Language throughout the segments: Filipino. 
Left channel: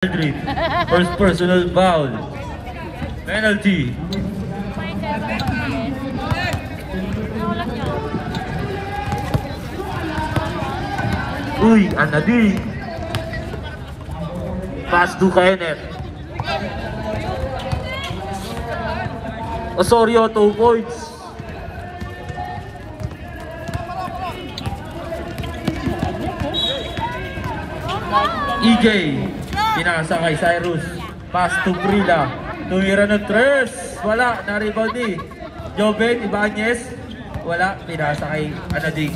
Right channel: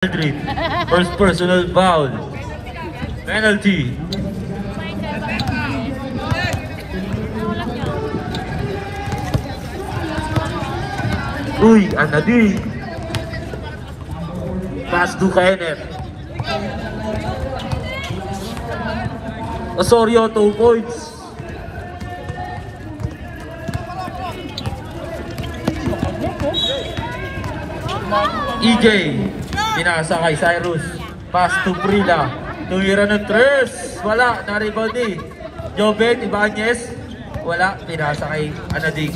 First personal foul. Penalty. Uy, Anadi. Pass to Kenneth. Osorio, 2 points. EJ. Pinasa kay Cyrus. Pass to Prila. Tumira ng 3. Wala. Na-rebound ni Joven Ibanez. Wala. Pinasa kay Anadi.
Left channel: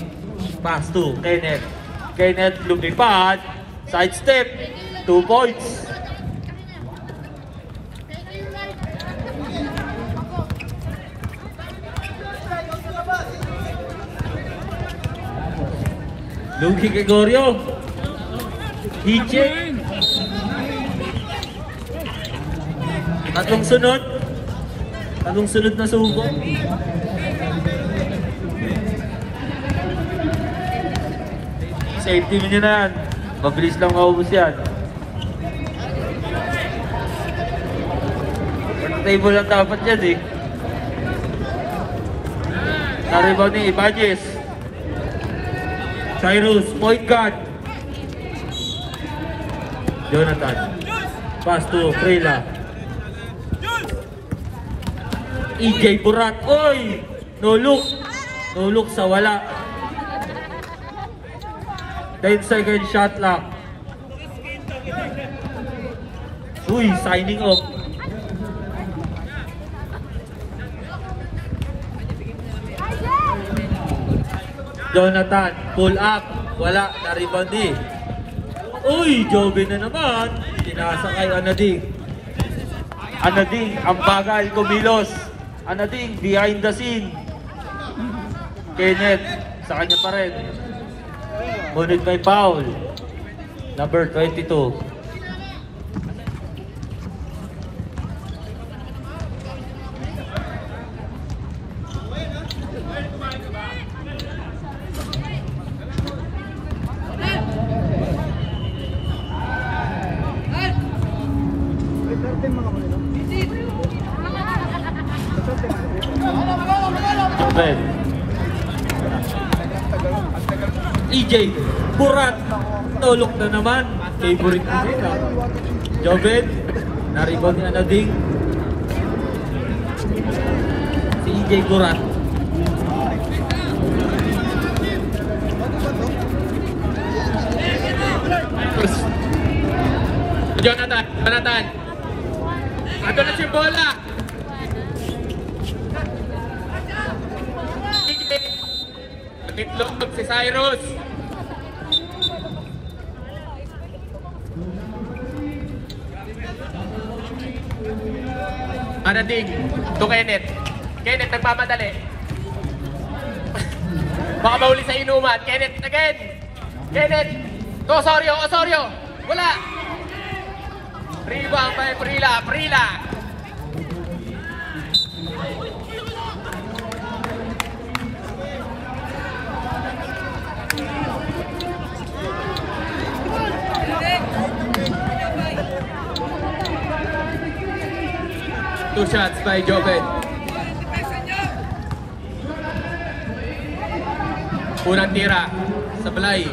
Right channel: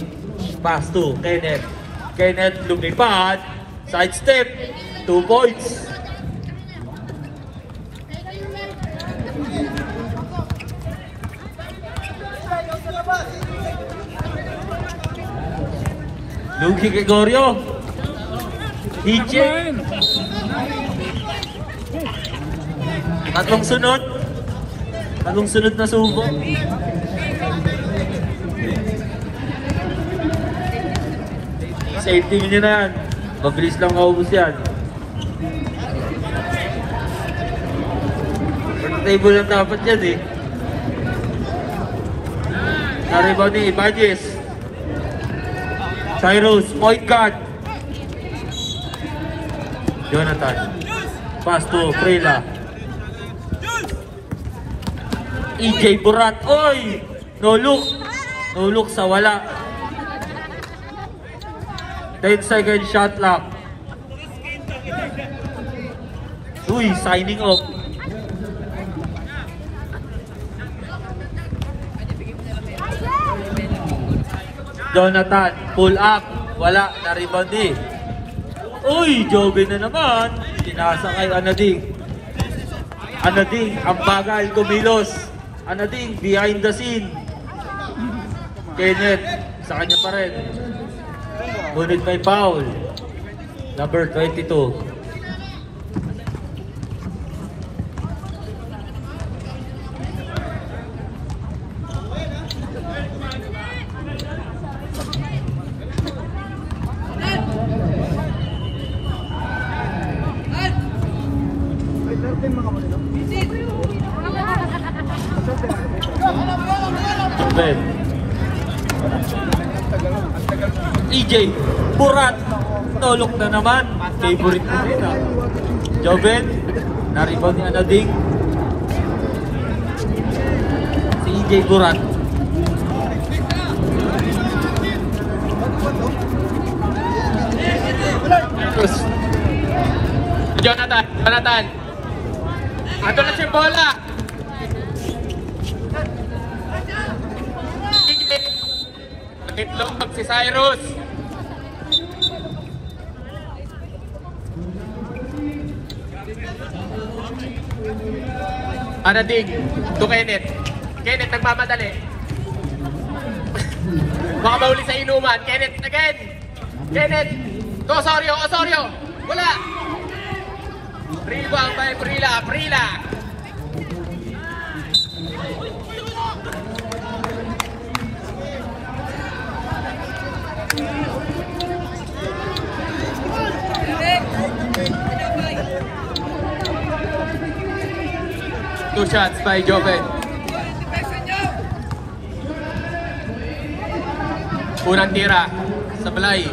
Pass to Kenneth. Kenneth lumipad. Side step. 2 points. Luki Gregorio. Hichi. Tatlong sunod na subo. Safety mo nyo na yan. Mabilis lang maubos yan. Table lang dapat yan eh. Naribaw ni Ibanez. Cyrus, point guard. Jonathan. Pass to Prela. EJ Burat. Oy! No look. No look sa wala. 10-second shot clock. Uy, signing off. Jonathan, pull up. Wala, na-rebound eh. Uy, Joven na naman. Sinasa kay Anading. Anading, ang bagal kumilos. Anading, behind the scene. Kenneth, sa kanya pa rin. Ngunit may foul. Number 22. EJ Burat, tolok na naman. Favorite mo din ha. Joven, na-rebound na Anading. Si EJ Burat. Jonathan. Ato na siya bola. Itlog si Cyrus. Anading to Kenneth. Kenneth nagmamadali. Baka mauli sa inuman. Kenneth again. Kenneth to Osorio. Wala. Rebound by Prila. Two shots by Joven. Unang tira sa Blay.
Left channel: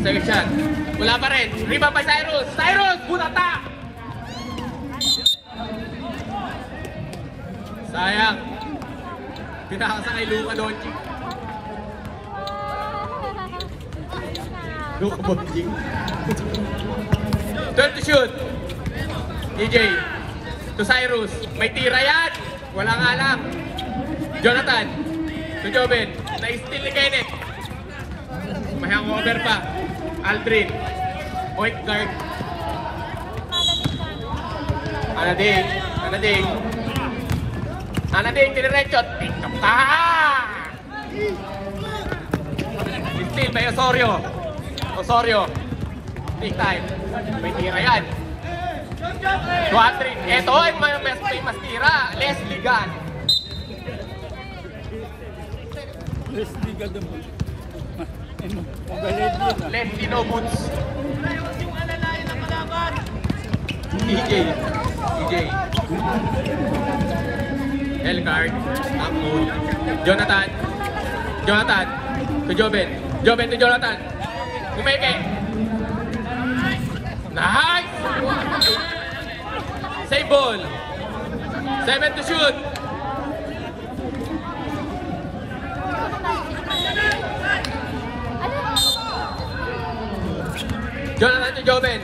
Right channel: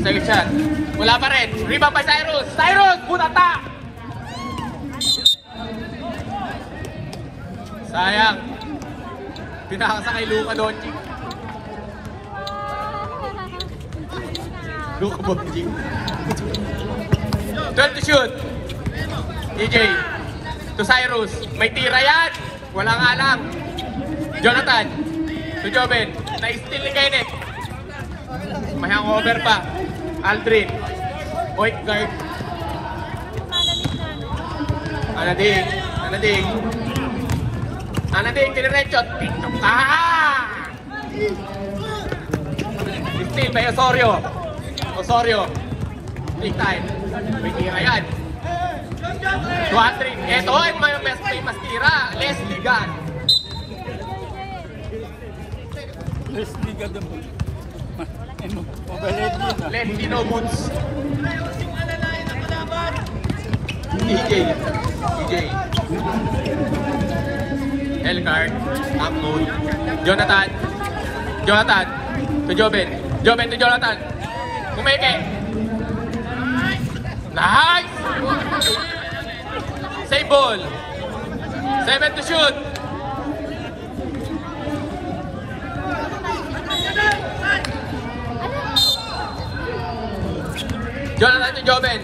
Third shot. Wala pa rin. Rebound by Cyrus. Bunata! Sayang. Tinakasa kay Luka Doncic. Luka Doncic. Turn to shoot. DJ to Cyrus. May tira yan. Wala nga alam. Jonathan to Joven. Na-steal ni Kenneth. May hangover pa. Aldrin. Point guard. Anading. Kiniretso. Steal by Osorio. Big time. May tira yan. Duatrin. Eto, may mas tira. Leslie Gunn. Leslie Gunn. Lentino Boots. EJ. Elcard. Abdul. Jonathan. To Joben to Jonathan. Kumeke. Nice! Save ball. 7 to shoot. Jonathan to Joben.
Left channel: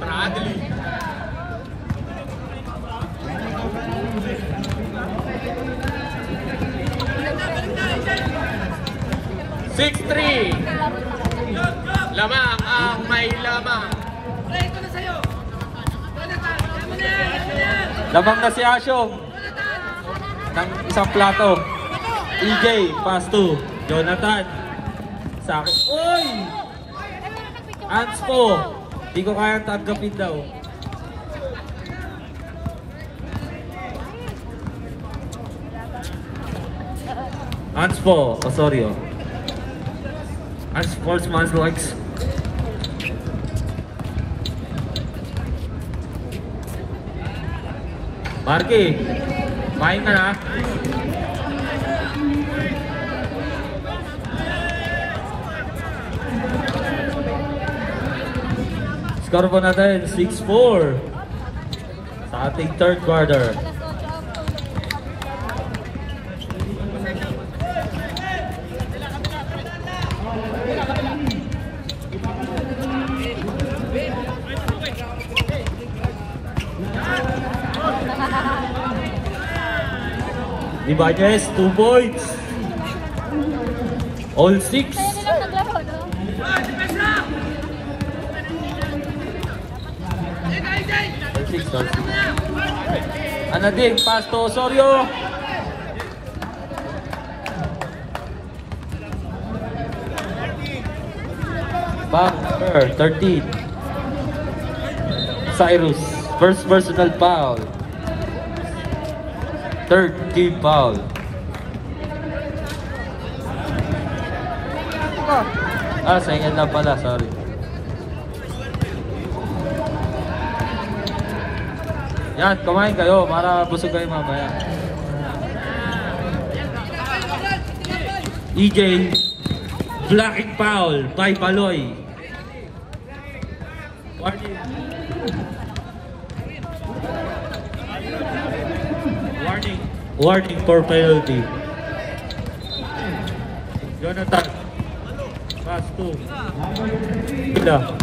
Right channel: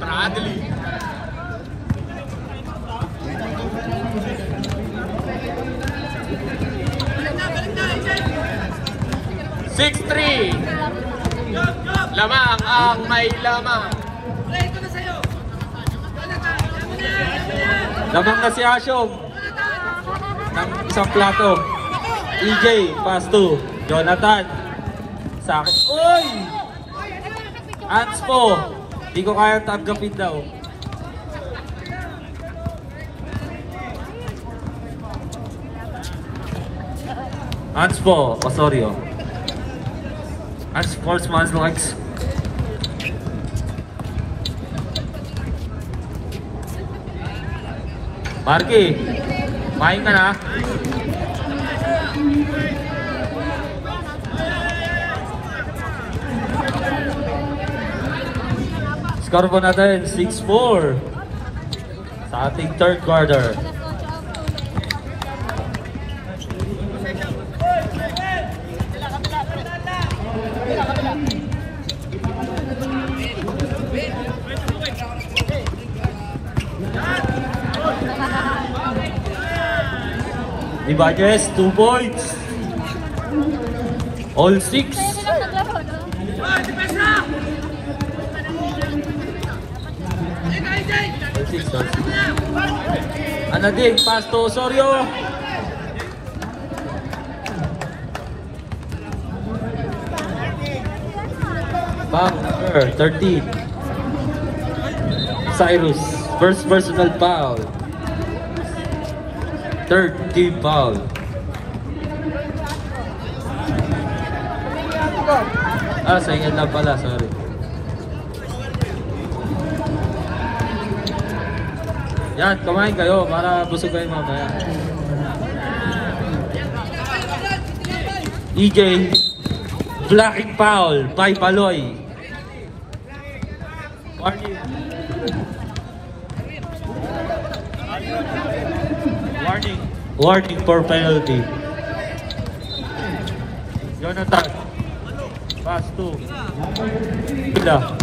Bradley. Lamang ang may lamang. Lamang na si Asyong ng isang plato. EJ, pass to Jonathan. Sakit. Uy! Anspo. Di ko kaya tanggapin daw. Anspo, Osorio. Sportsman's likes. Marky, main ka na. Score ko natin 6-4 sa ating third quarter. Ibanez, 2 points. All 6. Anadig, pass to Osorio. Back number 13. Cyrus, first personal foul. Third team foul. Second lang pala, sorry. Yan, kumain kayo para busog kayo mamaya. EJ, blocking foul by Paloy. Warning for penalty. Jonathan. Pass to Ila.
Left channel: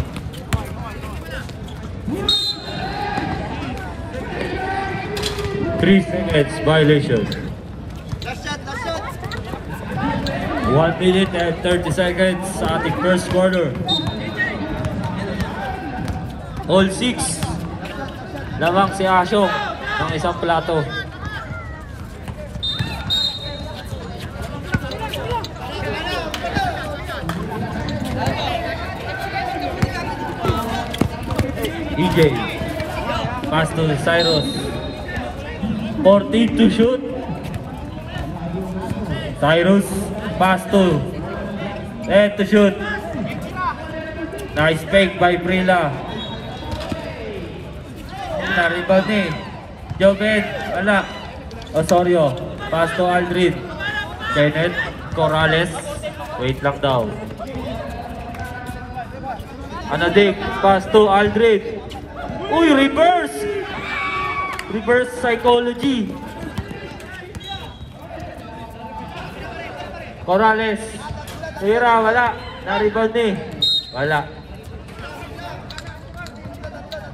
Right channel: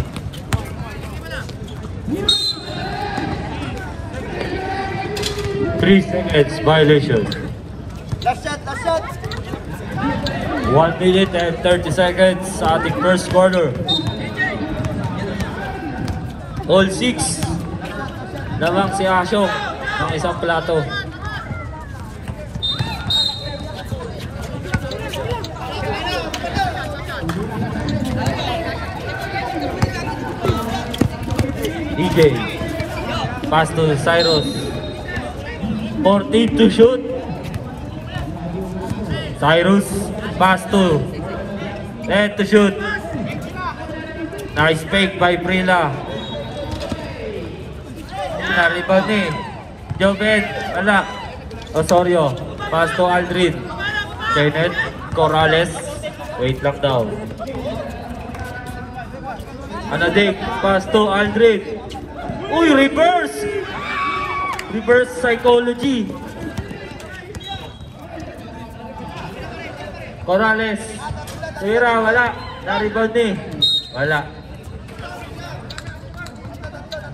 Three seconds violation. Last shot. 1 minute and 30 seconds sa ating first quarter. All 6. Lamang si Asyong ng isang plato. EJ, pass to Cyrus. 14 to shoot. Cyrus, pass to. And to shoot. Nice fake by Prila. Rebound ni Joven, anak. Osorio, pass to Aldrin. Kenneth Corrales. Wait lang daw. Anadik, pass to Aldrin. Uy, reverse! Reverse psychology. Corrales. Tira, wala. Na-rebound ni. Wala.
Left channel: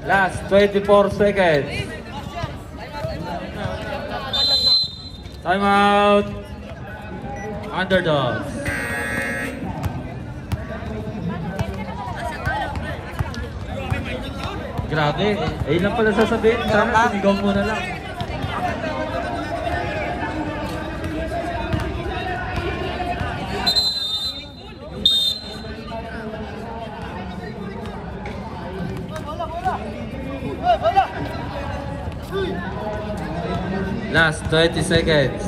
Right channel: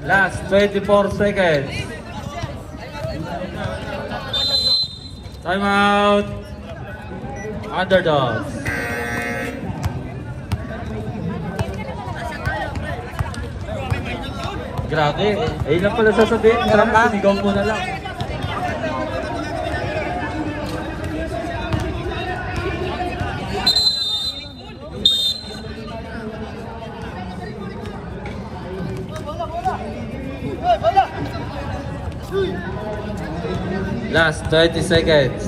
Last 24 seconds. Time out. Underdogs. Grabe. Ayun lang pala sasabihin. Sana sinigaw mo na lang. Last 20 seconds.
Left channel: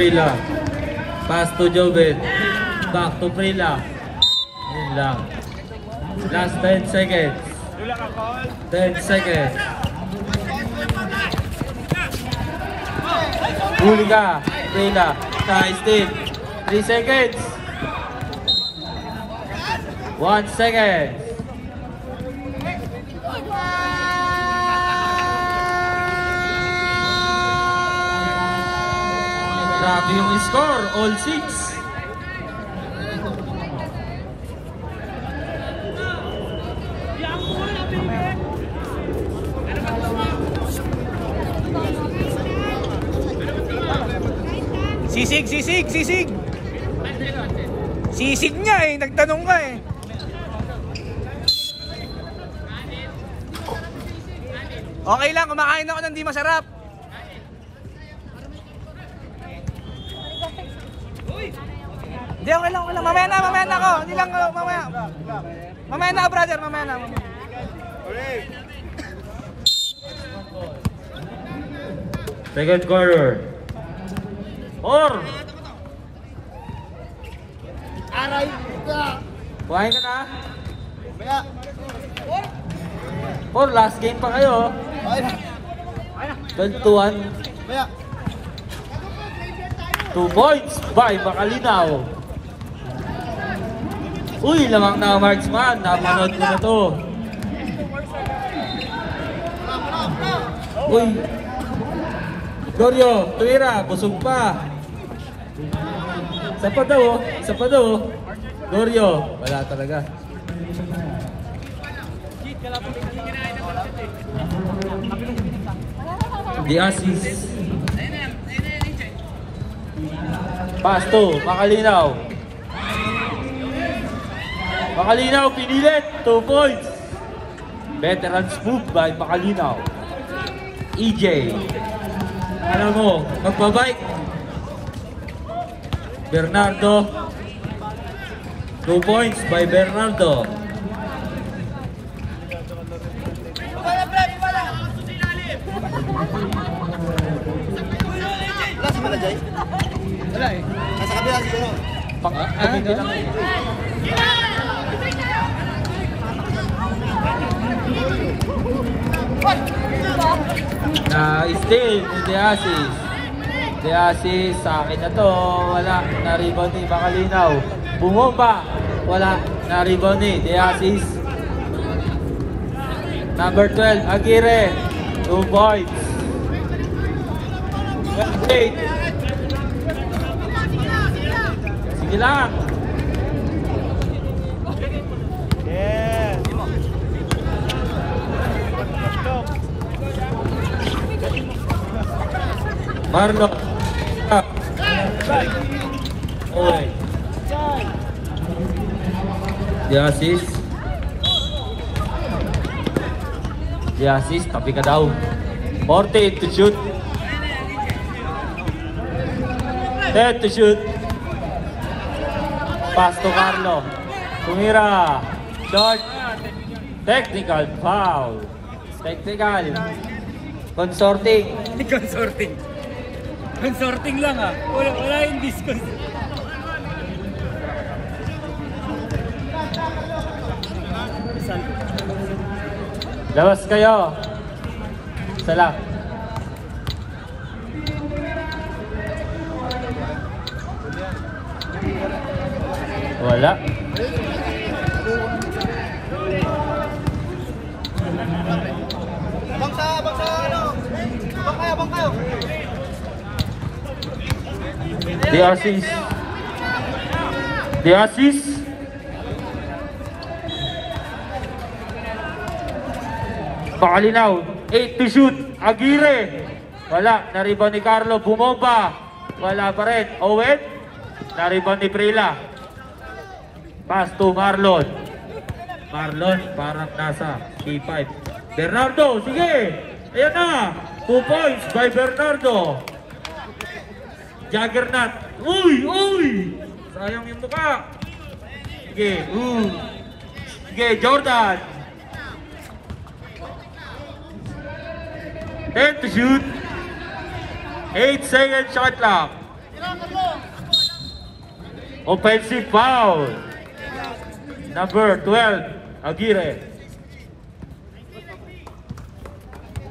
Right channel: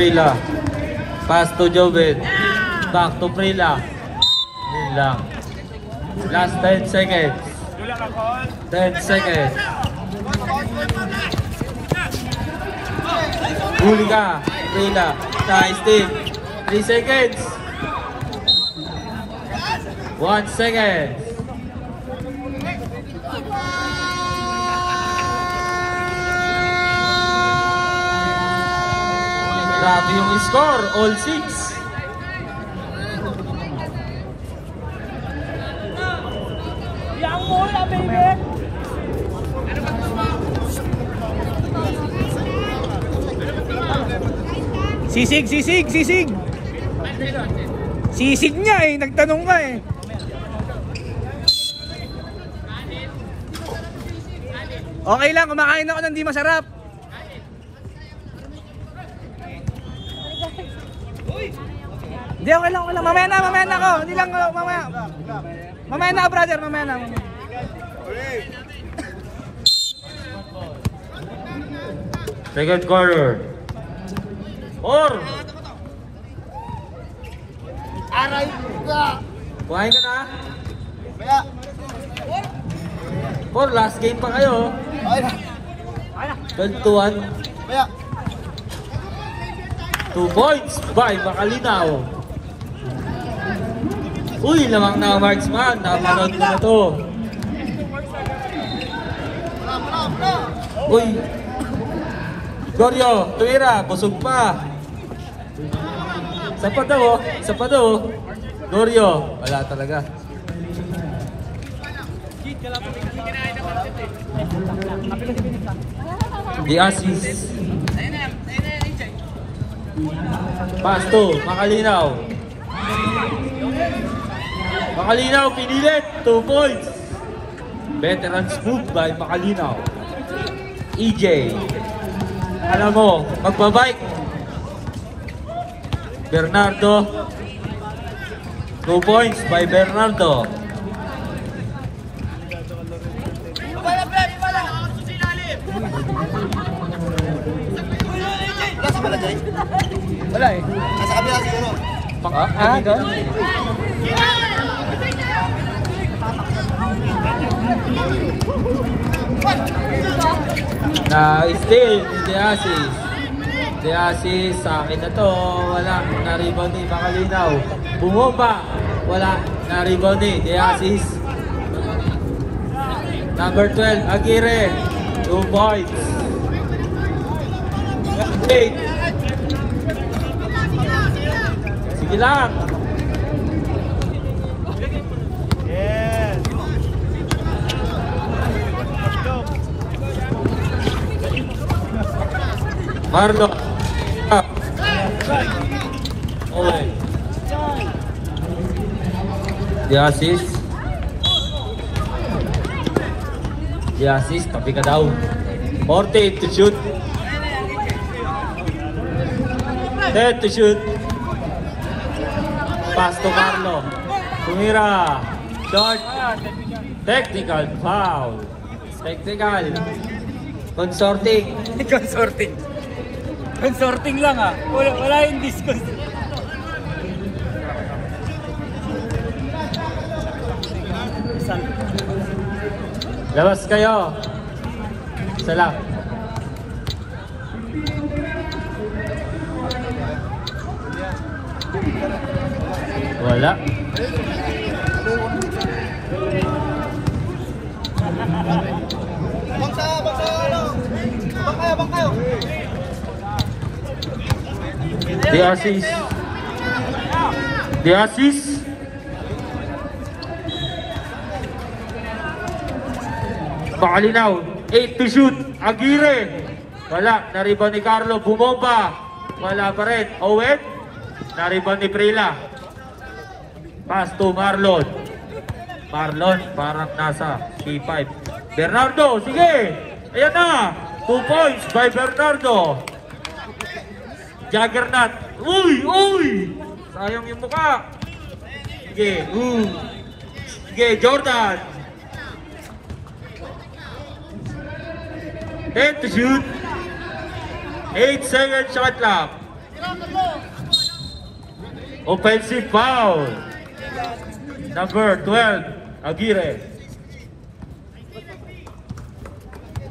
Prila. Pass to Joven. Back to Prila. Yun lang. Last 10 seconds. 10 seconds. Huli ka. Prila. Nice thing. 3 seconds. 1 second. Grabe yung score, all 6. Sisig! Sisig niya eh, nagtanong ka eh. Okay lang, kumakain ako ng di masarap. Hindi, okay lang. Mamaya na ako. Hindi lang, mamaya. Mamaya na, brother, mamaya na. Second quarter. Or! Kuhain ka na? Or, last game pa kayo. 21. 2 points by Makalinaw. Uy, lamang na marksman. Naparod ko na to. Uy. Goryo, tuwira, busog pa. Isa pa daw. Goryo, wala talaga. The assist. Pass to Makalinaw. Makalinaw pinilit. 2 points. Veterans move by Makalinaw. EJ. Alam mo, magbabike. Bernardo. 2 points by Bernardo. Na still the assist. The assist sa akin na to. Wala na rebound ni Makalinaw. Bumomba. Wala na rebound ni the assist. Number 12 Aguirre. 2 points. 8. Sige lang. Marlo. The assist. Tapi ka daw. 40 to shoot. 10 to shoot. Pass to Marlo. Tumira. Short. Technical foul. Technical. Consorting. Consorting lang ah. Wala yung discos. Labas kayo. Sala. Wala. Abang kayo. The assist. Makalinaw. 8 to shoot. Aguirre. Wala. Naribon ni Carlo. Bumomba. Wala pa rin. Owen. Naribon ni Prila. Pass to Marlon. Parang nasa T5. Bernardo. Sige. Ayan na. 2 points by Bernardo. Juggernaut. Uy! Sayang yung mukha. Sige. Sige, Jordan. 10 to shoot. 8 seconds shot clock. Offensive foul. Number 12, Aguirre.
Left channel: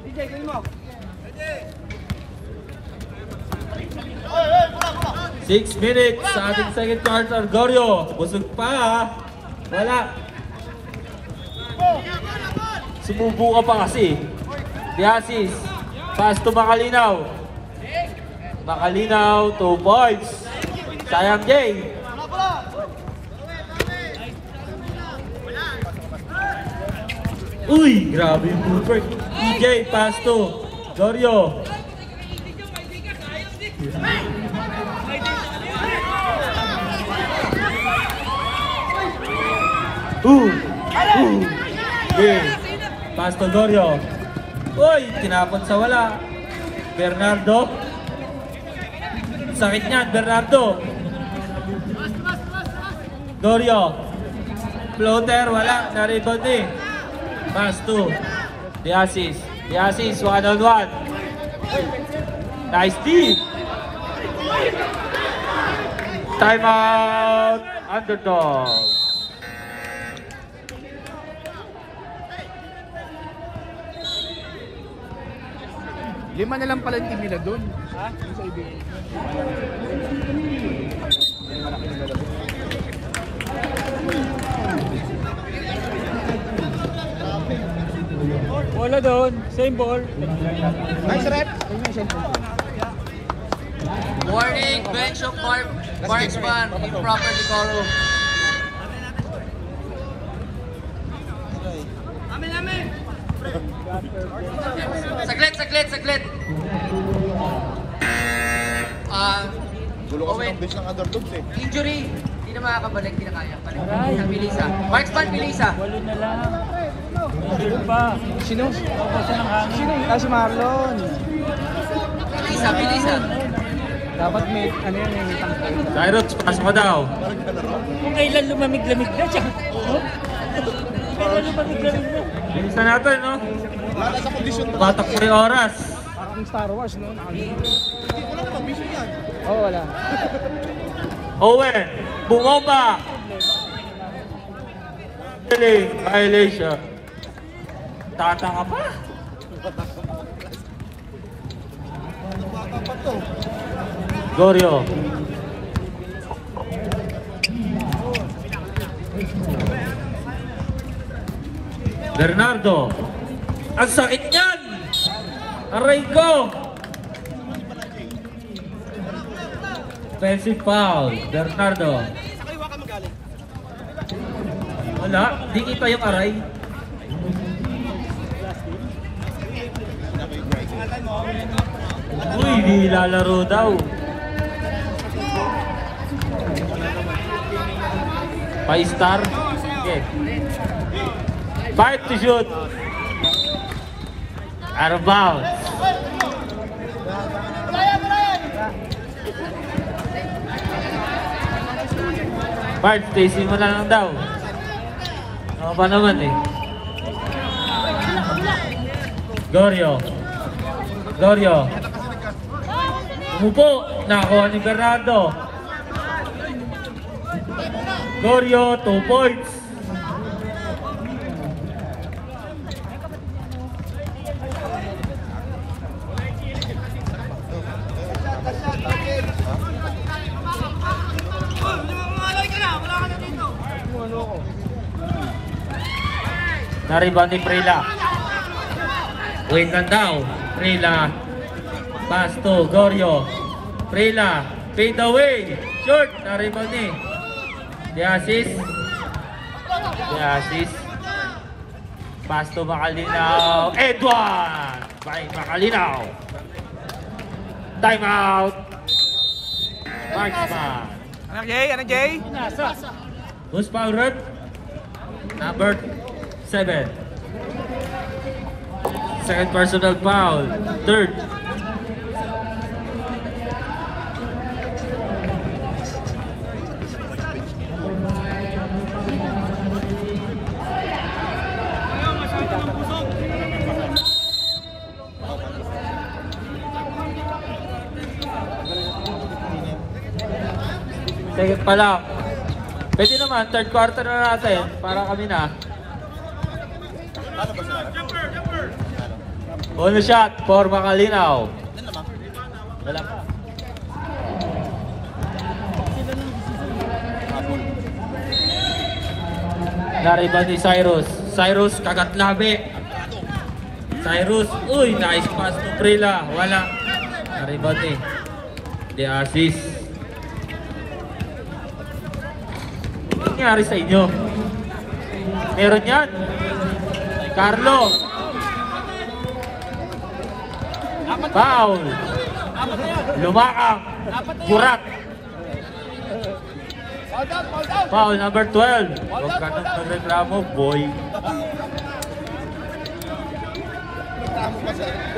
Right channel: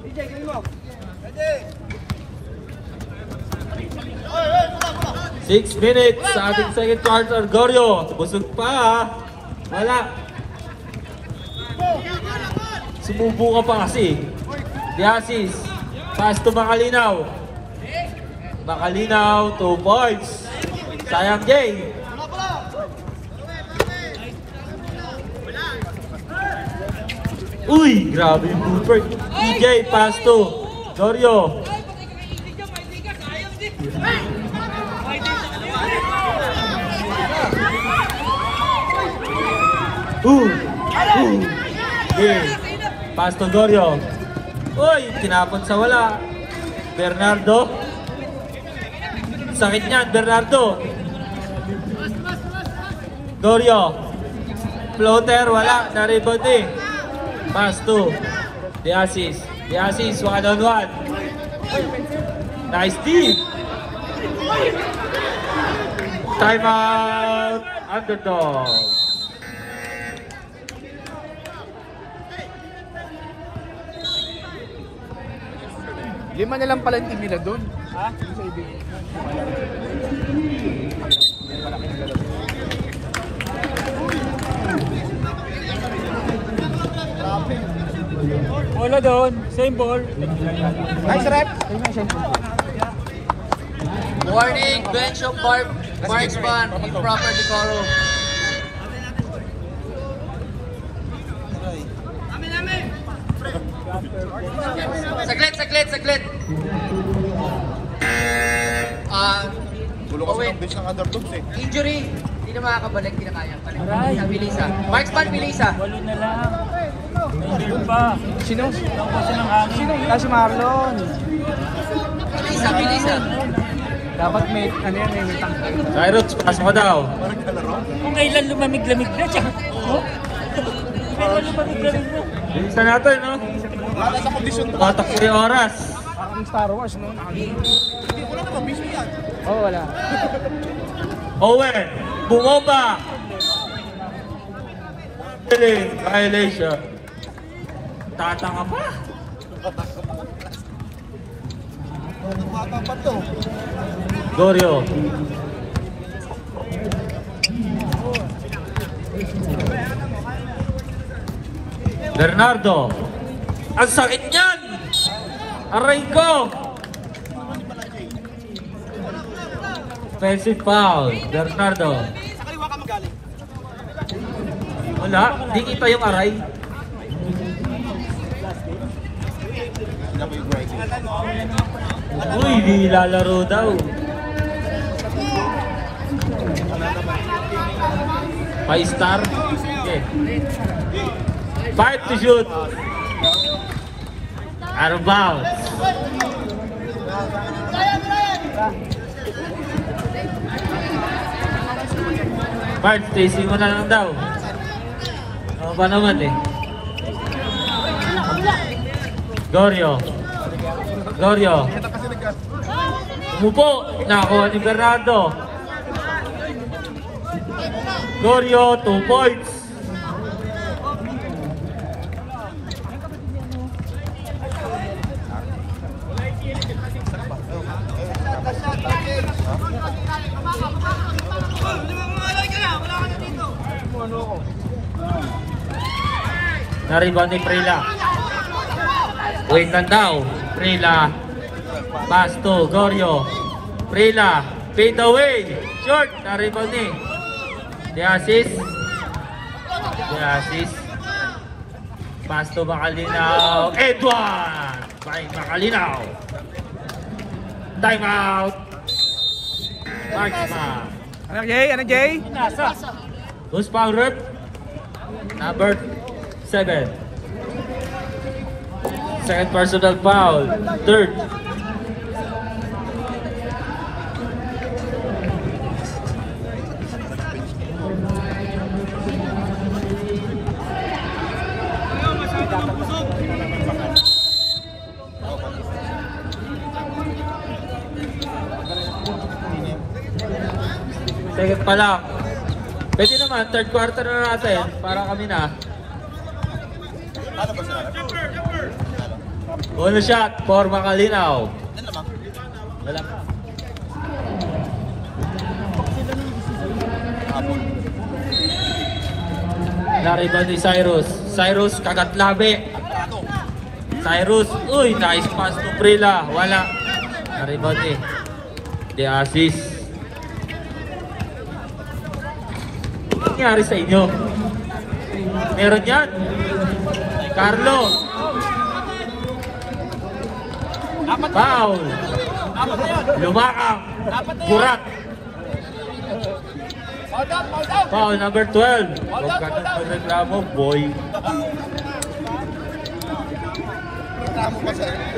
DJ, kunin mo. 6 minutes sa ating second quarter. Gorio, busog pa. Wala. Sumubo ka pa kasi. Diasis, pass to Makalinaw. Makalinaw, 2 points. Sayang Jay. Uy, grabe yung Cooper. EJ, pass to Gorio. Okay. Pass to Gorio. Uy, tinapon sa wala. Bernardo. Sakit niyan, Bernardo. Gorio. Floater, wala. Na-rebound eh. Pass to Diasis. Diasis, 1-on-1. Nice deep. Timeout. Underdog. Lima na lang pala yung team nila doon. Wala doon, same ball. Nice rep. Warning, bench of marksman, improper decorum. Saglit. Owen, injury. Hindi na makakabalik, hindi na kaya. Bilisa. Marksman, Bilisa. Sino? Si Marlon. Bilisa. Cyrus, pass mo daw. Kailan lumamig-lamig na siya? Bilisan natin, no? Tumatakbo yung oras. Ang Star Wars, no? Owen, bumaba. Violation. Tatanga pa. Gorio. Bernardo. Ang sakit niyan. Aray ko. Offensive foul. Bernardo. Wala. Di kita yung aray. Uy, di lalaro daw. 5-star. Okay. 5 to shoot. Out of bounds. Bart, Stacy mo na lang daw. Ano pa naman eh. Gorio. Umupo. Nakuha ni Bernardo. Gorio, 2 points. Na-rebound ni Prila. Wait lang daw. Prila. Pass to Gorio. Prila. Fade away. Short. Na-rebound ni Diasis. Pass to Makalinaw. Edward. By Makalinaw. Time out. Marksman. Ano Jay? Who's foul root? Number 7. Second personal foul. Third. Second pa lang. Pwede naman, third quarter na natin para kami na. Bonus shot for Makalinaw. Wala pa. Nariban ni Cyrus. Cyrus kagat labi. Cyrus, uy, nice pass to Prila. Wala. Nariban ni. The assist. Ano nangyari sa inyo? Meron yan. Carlo. Foul. Lumakang. Burak. Foul number 12. Huwag ka nang magreklamo, boy.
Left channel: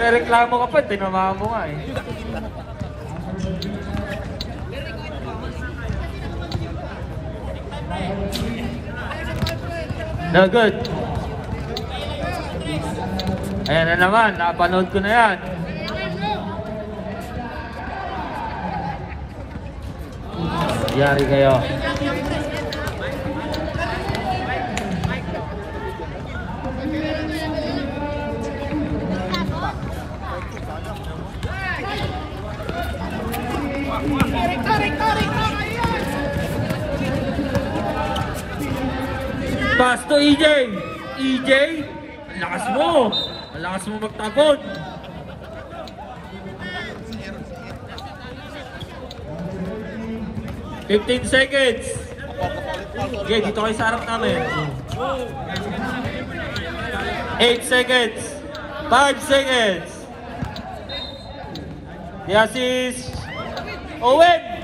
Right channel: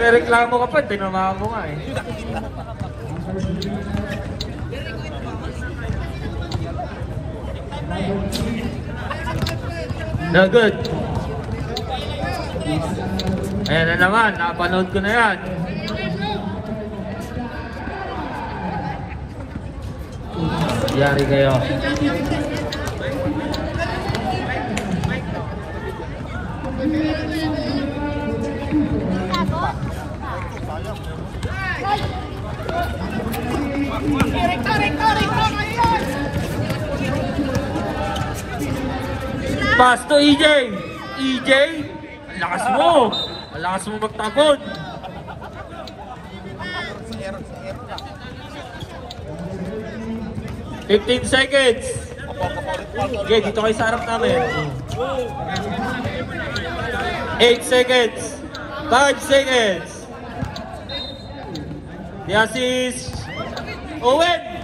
Reklamo ka pa, tinamaan mo nga eh. No good. Ayan na naman, napanood ko na yan. Yari kayo. Pass to EJ. EJ, lakas mo. Lakas mo magtagod. $15 seconds. Okay, dito kayo sa harap namin. 8 seconds. 5 seconds. The assist. Owen.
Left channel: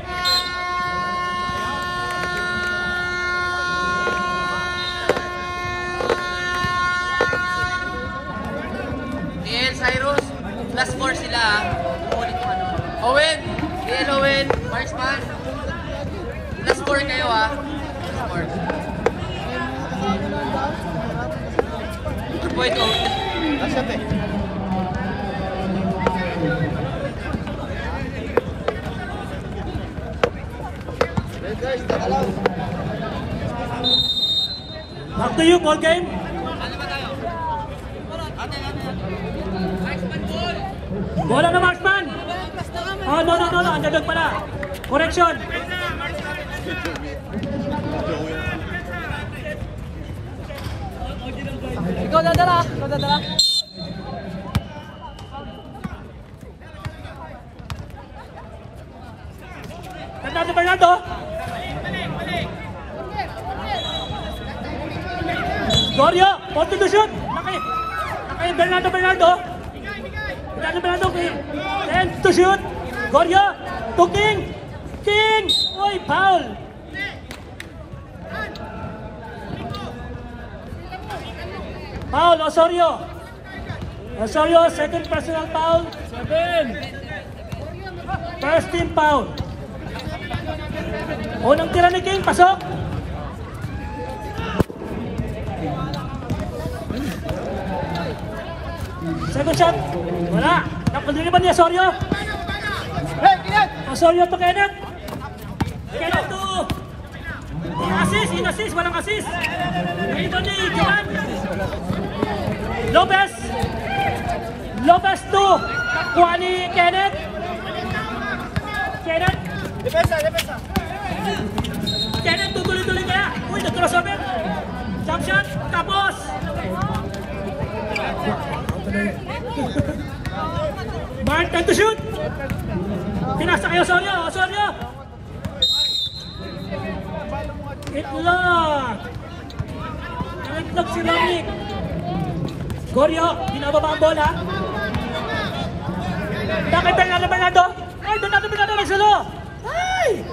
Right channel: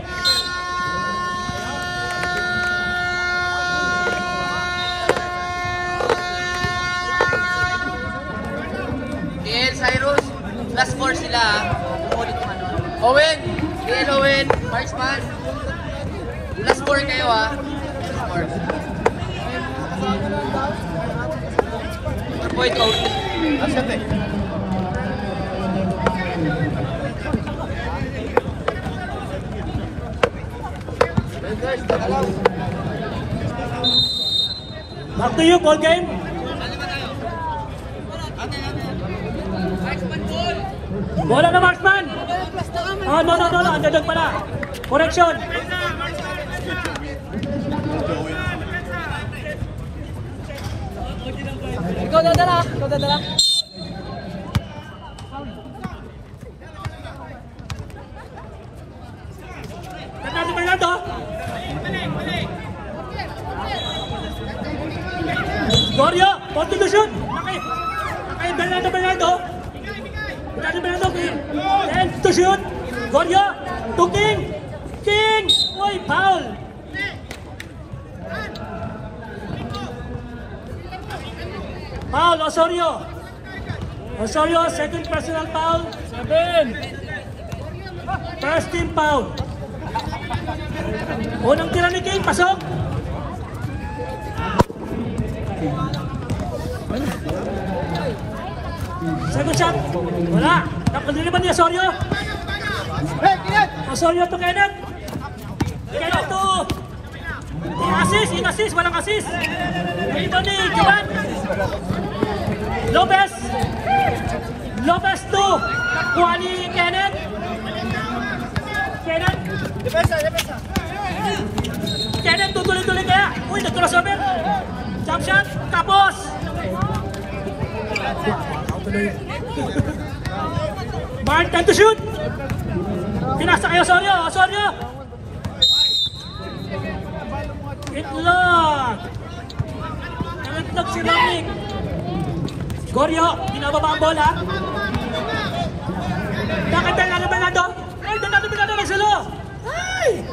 DL Cyrus, plus 4 sila ha. Umulit yung ano. Owen, DL Owen, marksman. Plus 4 kayo ha. Plus 4. 4 point Owen. Back to you, ball game. Marksman ball. Bola na marksman. Oh, no. Andadog pala. Correction. Ikaw dadala. Bernardo. Gorio, point to shoot. Okay, Bernardo. And to shoot. Gorio, to King. Oy, foul. Foul, Osorio, second personal foul. 7. First team foul. Unang tira ni King, pasok. Second shot. Wala. Napagli ba ni Osorio? Osorio to Kenneth. Kenneth to. In-assist. Walang assist. Ito ni Kiran. Lopez to. Kuha ni Kenneth. Defensa. Kenneth tutuloy kaya. Uy, nag-crossover. Jump shot. Tapos. Mark, time to shoot. Pinasa kayo Osorio. Itlog si Dominic. Gorio, ginababa ang bola. Bakit Bernardo? Ay, Bernardo nagsalo. Ay!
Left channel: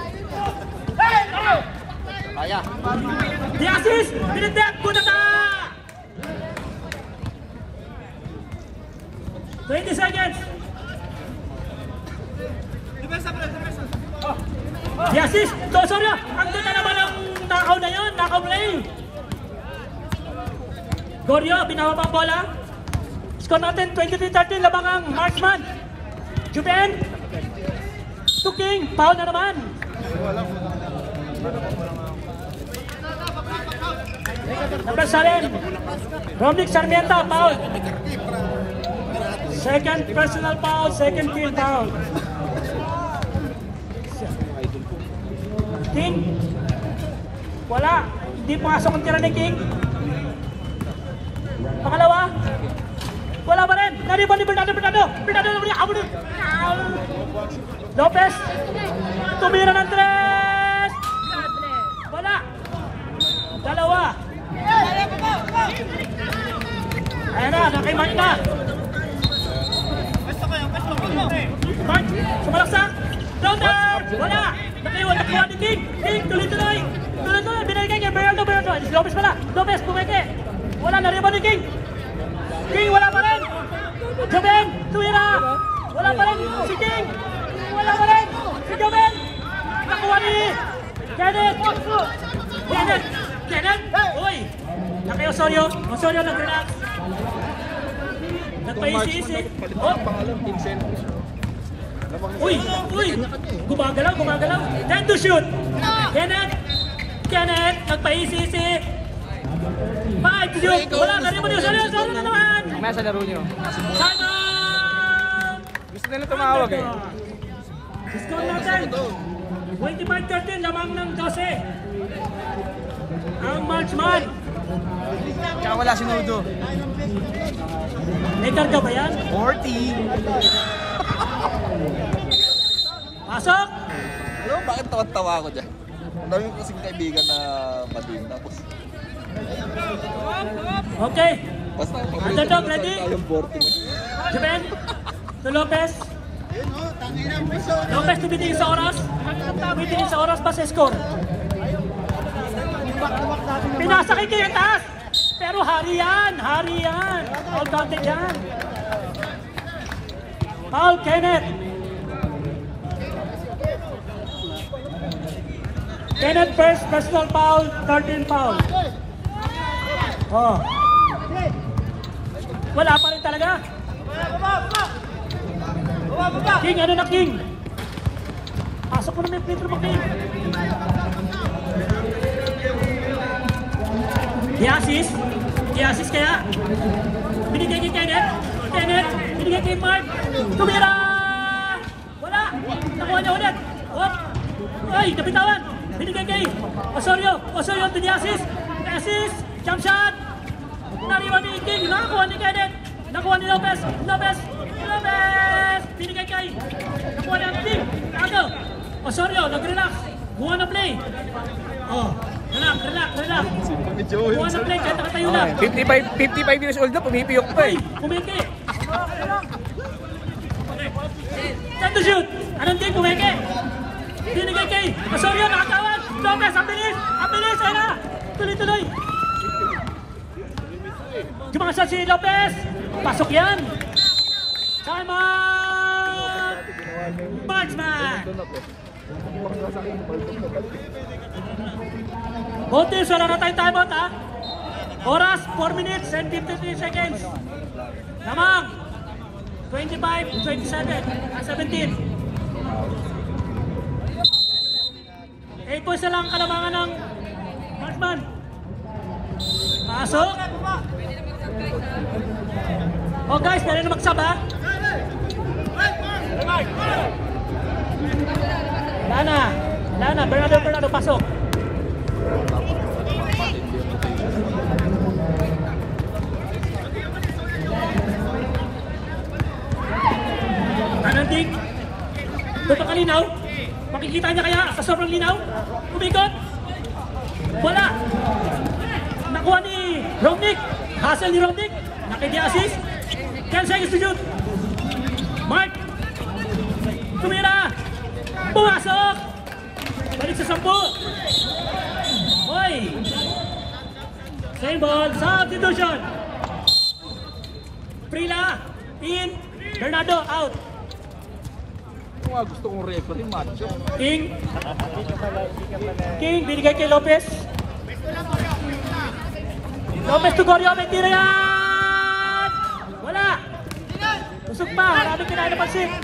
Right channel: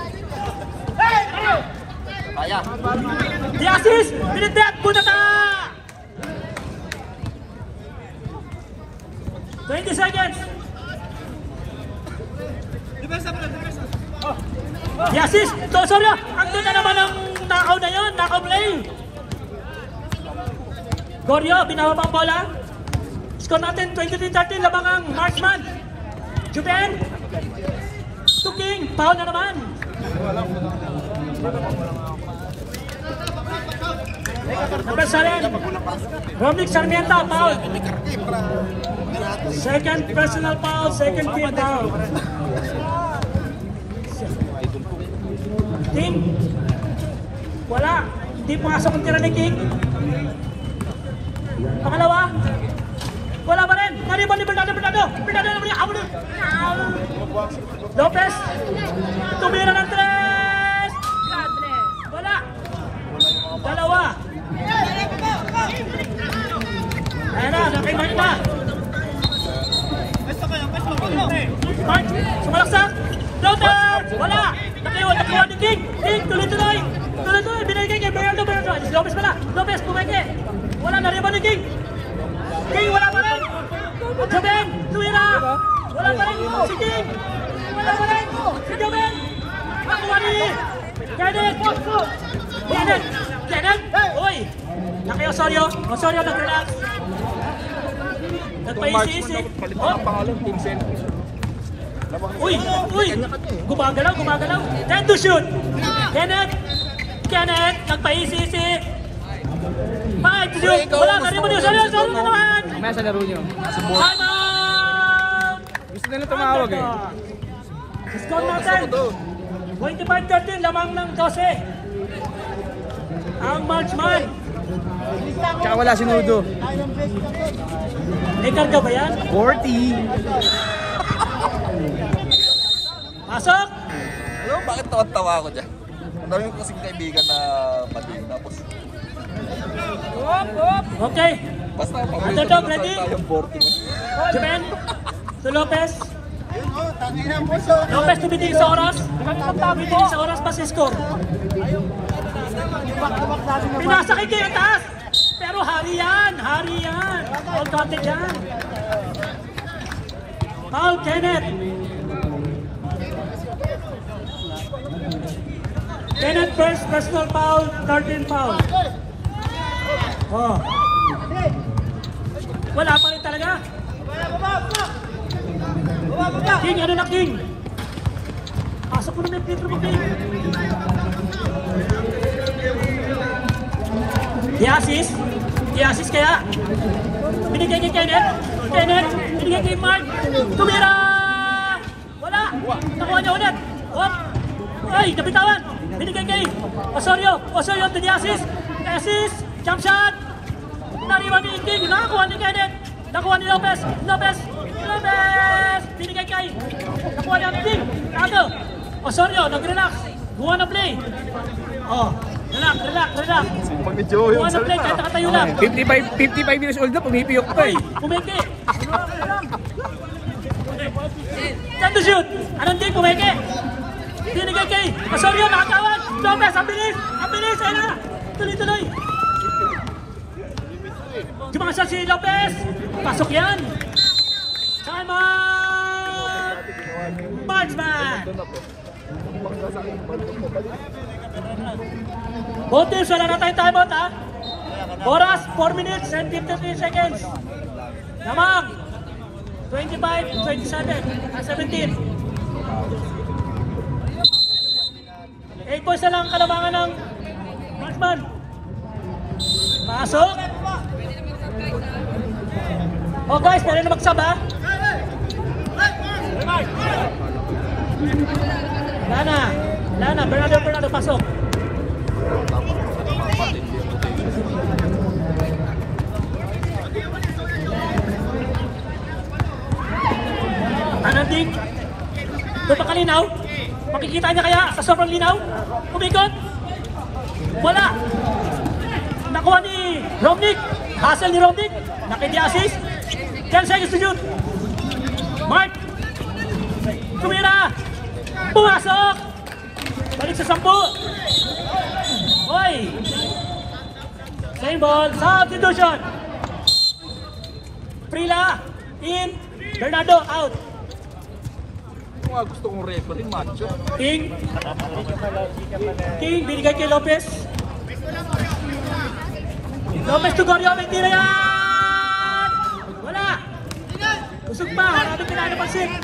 The assist! Pinagdat po na ka! 20 seconds! The assist! Sorry! Ang doon na naman ang takaw na yun! Takaw play! Gorio, binababa ang bola. Score natin 23-13, labang ang marksman. Juben! To King, foul na naman. Labas sa rin. Romnick Sarmiento, foul. Second personal foul, second team foul. King. Wala. Hindi pumasok ang tira ni King. Pangalawa. Wala pa rin. Naribon ni Bernardo. Lopez. Tumira ng 3. Wala. Dalawa. Ayan na, nakimark na. Mark, sumaksak. Lopez. Wala. Nakiyaw ni King. King, tuloy-tuloy. Binigay kay Bernardo. Lopez pala. Lopez, pumeke. Wala, naribon ni King. King, wala pa rin. Jobeng, tumira. Wala pa rin. Si King. Wala pa rin. Si Jobeng. Nakuha ni Kenneth. Kenneth. Uy. Laki Osorio. Osorio nag-relax. Nagpaisi-isi. Oh. Uy. Gumagalaw. Time to shoot. Kenneth. Nagpaisi-isi. Time to shoot. Wala pa rin mo niyo. Osorio na naman. Nasa laro niyo. Simon. Gusto na tumawag eh. Score natin. 25-13. Lamang ng 12. Ang marksman. Tsaka wala si Nudo. May karga ba yan? 40. Pasok! Bakit tawa ako dyan? Maraming kasing kaibigan na Okay. Underdog, ready? Japan. To Lopez. Lopez tumitingin sa oras. Tumitingin sa oras pa si score. Pinasa kay King ang taas. Pero hari yan. All counted yan. Foul, Kenneth. Kenneth first personal foul, 13 foul. Oh. Wala pa rin talaga. King, ano na King? Pasok mo na may Pedro mo King. Di-assist kaya. Binigay kay Kenneth. Binigay kay Mark. Tumira! Wala! Nakuha niya ulit. Oh! Ay, nabitawan! Binigay kay Osorio, di-assist. Assist! Jump shot! Nariwan ni King. Nakakuha ni Kenneth. Nakuha ni Lopez. Binigay kay. Nakuha ni King. Tago. Osorio, nag-relax. Guha na play. Oh. Relax. Buwan na play, kahit nakatayo lang. 55 years old na, pumipiyok pa eh. Pumeke. Time to shoot. Anong team, pumeke? Binigay kay Osorio, nakatawan. Lopez, ang bilis. Wala. Tuloy. Gumakasya si Lopez. Pasok yan. Simon. Marksman. Both teams, wala na tayong timeout ha. Oras, 4 minutes and 53 seconds. Lamang. 25, 27, 17. 8 points na lang kalamangan ng Marksman. Pasok. Oh guys, meron na magsab ha. Lana, Bernardo, pasok. Anandik. Doon pa kalinaw. Makikita niya kaya sa sobrang linaw. Umikot. Wala. Nakuha ni Romnick. Hustle ni Romnick. Nakidi-assist. 10 seconds to shoot. Mark. Tumira. Pumasok. Balik sa 10. Hoy. Same ball. Substitution. Frila. In. Bernardo out. King, binigay kay Lopez. Lopez to Gorio, may tira yan! Wala! Busog pa, marami kinanapansin.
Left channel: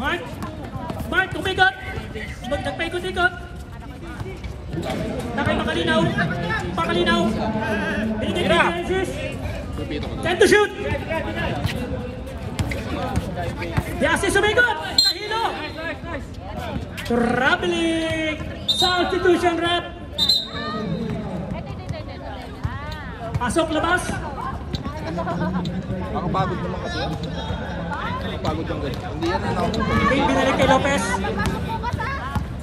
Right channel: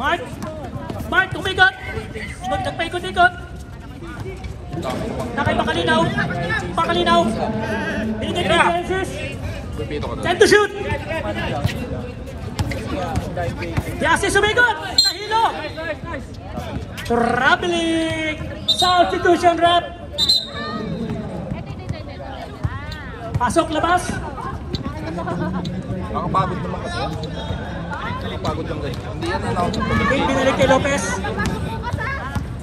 Mark, tumigot. Nagpaikot-ikot. Nakay Makalinaw. Makalinaw. Binigay kay Francis. Time to shoot. Diasi sumigot. Nahilo. Traveling. Substitution rep. Pasok labas. Binalik kay Lopez.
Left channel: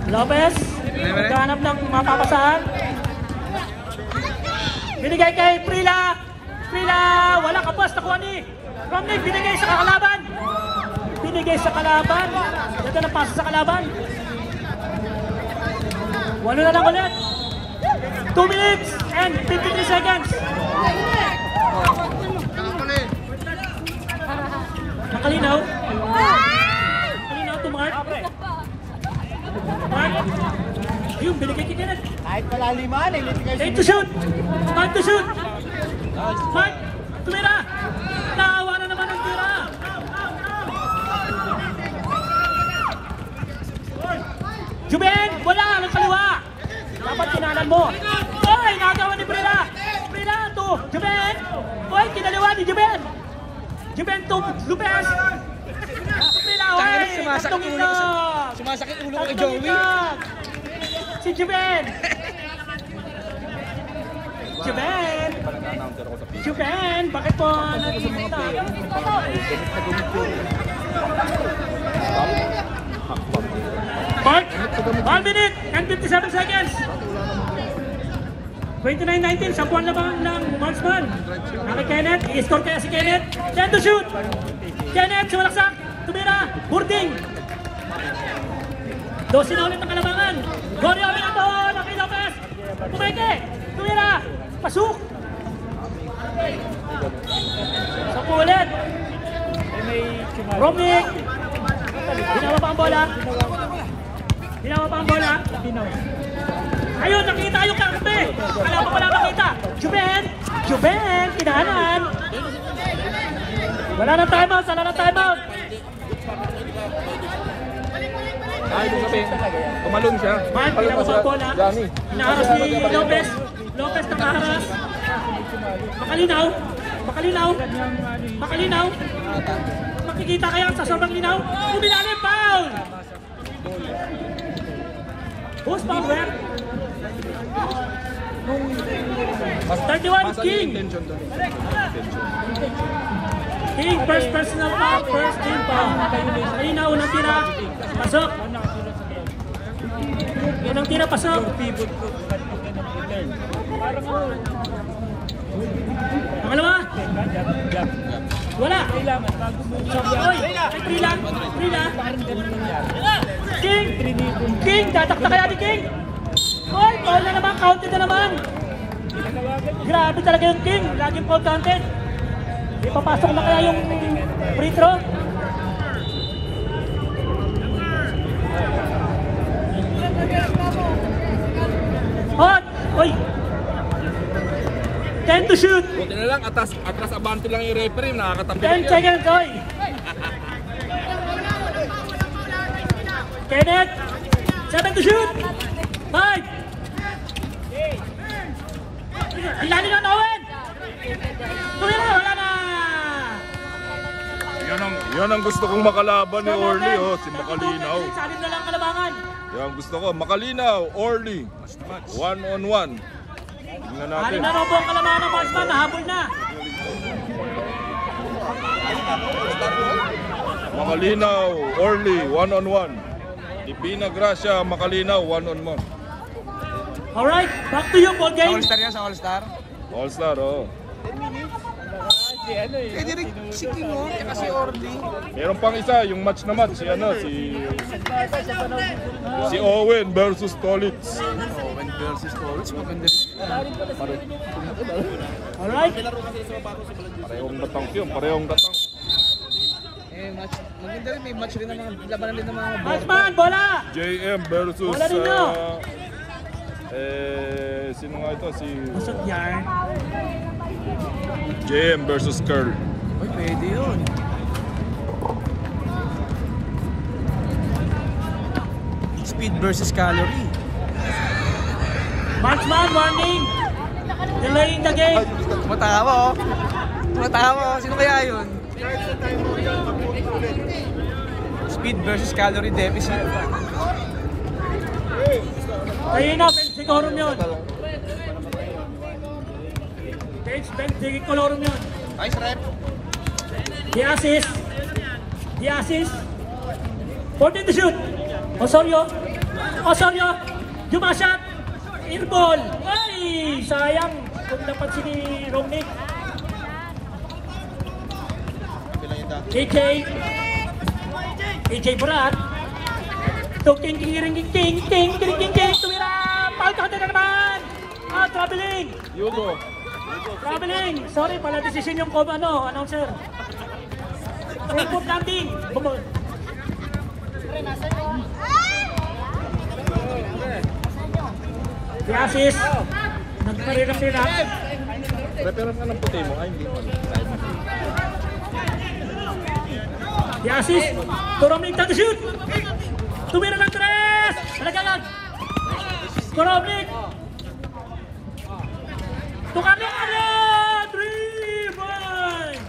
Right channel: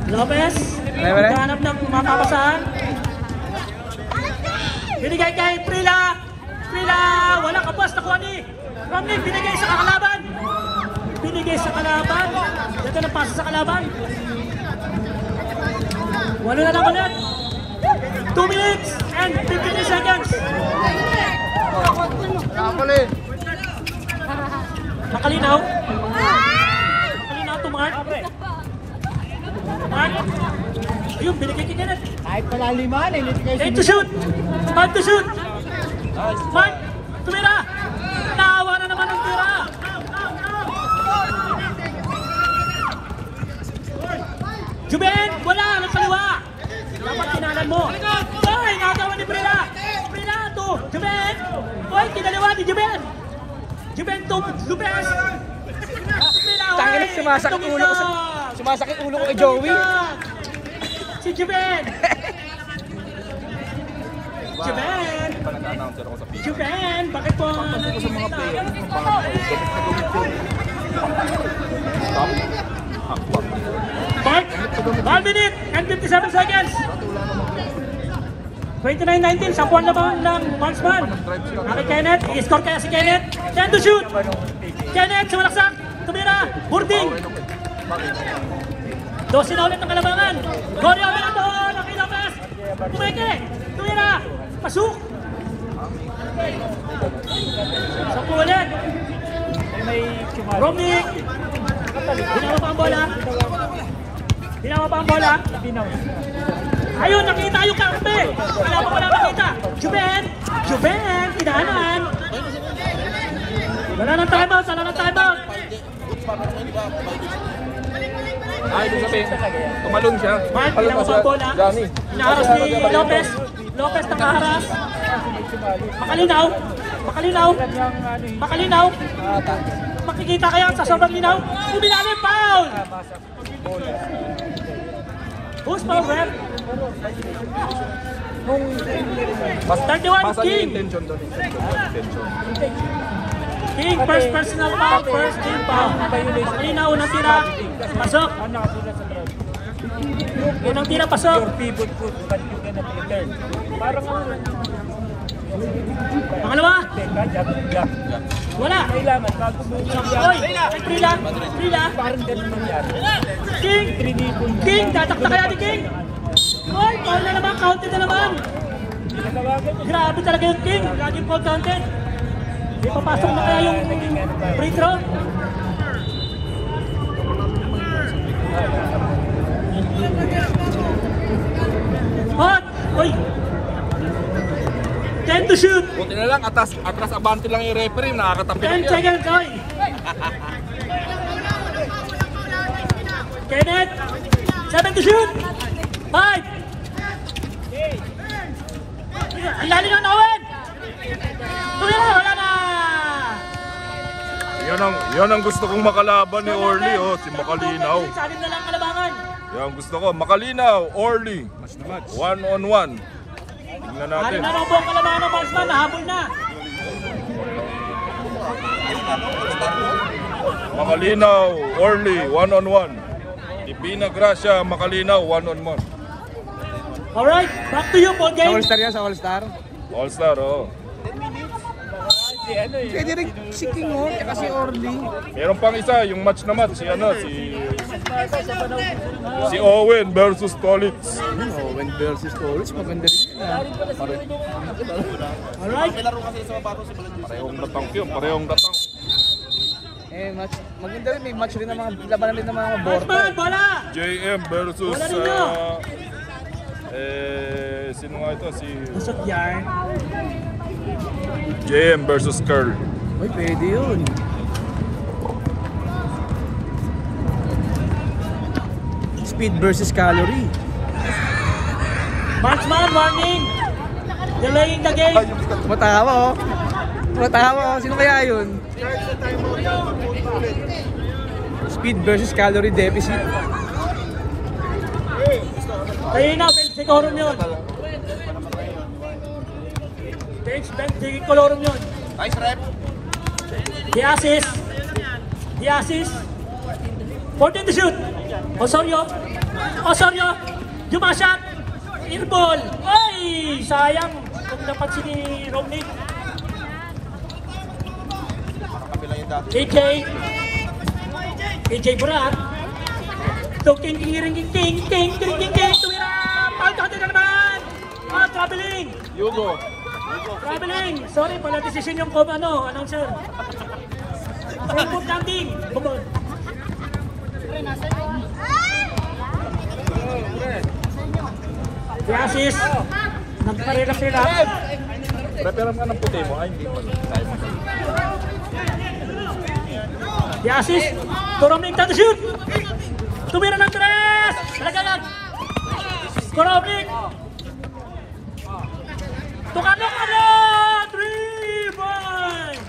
Lopez. Naghanap ng makapasahan. Binigay kay Prila. Prila. Wala kapas. Nakuha ni Romney. Binigay sa kalaban. Binigay sa kalaban. Ito na pasa sa kalaban. Walo na lang ulit. 2 minutes and 53 seconds. Makalinaw. Makalinaw tumangat. Ayun, binigay kay Kenneth. Kahit pala lima, Time to shoot. Time to shoot. Mark, tumira. Naawa na naman ang tira. Juben, wala. Nagkaliwa. Dapat kinalan mo. Oy, nakagawa ni Brila. Brila to Juben. Oy, kinaliwa ni Juben. Juben to Lopez. Brila, oy. Sumasakit ulo ko kay Joey. Si Juben. Juben. Juben, bakit po? Ball, 1 minute and 57 seconds. 29-19, sapuan naman ng marksman. Naki Kenneth, i-score kaya si Kenneth. Time to shoot. Kenneth, sumalaksak. Tumira, Burding. 12 na ulit ng kalabangan. Goryo, Minato, Naki Lopez. Pumeke, tumira, pasuk. 10 ulit. Romney. Ginawa pa ang bola. Ginawa pa ang bola. Ayun, nakita yung karpe. Wala pa pala nakita. Juben. Juben, kinahanan. Wala na timeout. Wala na timeout. Umalong siya. Mark, ginawa pa ang bola. Naharas ni Lopez. Lopez nakaharas. Makalinaw. Makalinaw. Makalinaw. Makikita kaya sa sobrang linaw. Uminalim, foul! Who's foul, man? 31, King! King, first personal foul, first team foul. Makalinaw, unang tira, pasok. Unang tira, pasok. Pangalawa. Wala. So, oy, Prila. Prila. King. King, tatakta kaya ni King. Oy, foul na naman, counted na naman. Grabe talaga yung King, laging foul counted. Ipapasok na kaya yung free throw. Hot! Oy! 10 to shoot! Buti na lang, atras abante lang yung referee, nakakatapos 10 seconds, oy! Kenneth! 7 to shoot! 5! Ilali ng Owen! Tuloy na! Wala na! Yan ang gusto kong makalaban ni Orly, oh, si Makalinaw. Salim na lang kalabangan. Yan ang gusto ko, Makalinaw, Orly. One on one. Tingnan natin. Alim na naman po ang kalabangan ng marksman, nahabol na. Makalinaw, Orly, one on one. Ipina Gracia, Makalinaw, one on one. Alright, back to you, Paul game. All-star yan sa All-Star? All-Star, oh. Pwede rin si King o, tsaka si Orly. Meron pang isa, yung match na match, si Owen versus Tolitz. Owen versus Torres, maganda rin yan ha. Alright. Parehong datang yun, parehong datang. Match, maganda rin, may match rin ng mga labanan rin ng mga board. Marksman, bola! JM versus Bola ninyo! sino nga ito? Si Busog yarn. JM versus Curl. Uy, pwede yun. Speed versus calorie. Marksman, warning! Delaying the game. Tumatawa oh. Tumatawa oh. Sino kaya yun? Speed versus calorie deficit. Kayo na, Bensikorum yun. Bensikorum yun. The assist. 14 to shoot. Osorio. Jumasyat. In ball. Ay! Sayang. Kung napansin ni Romnick. AJ Burat. Ting. Tumira. Palta na naman. Traveling. Traveling. Sorry, pala decision yung announcer. Importante. The assist. Nagparirap-rirap. The assist. Koromnik to shoot. Tumira ng tres. Nagalag. Koromnik. Tukano. 3-point.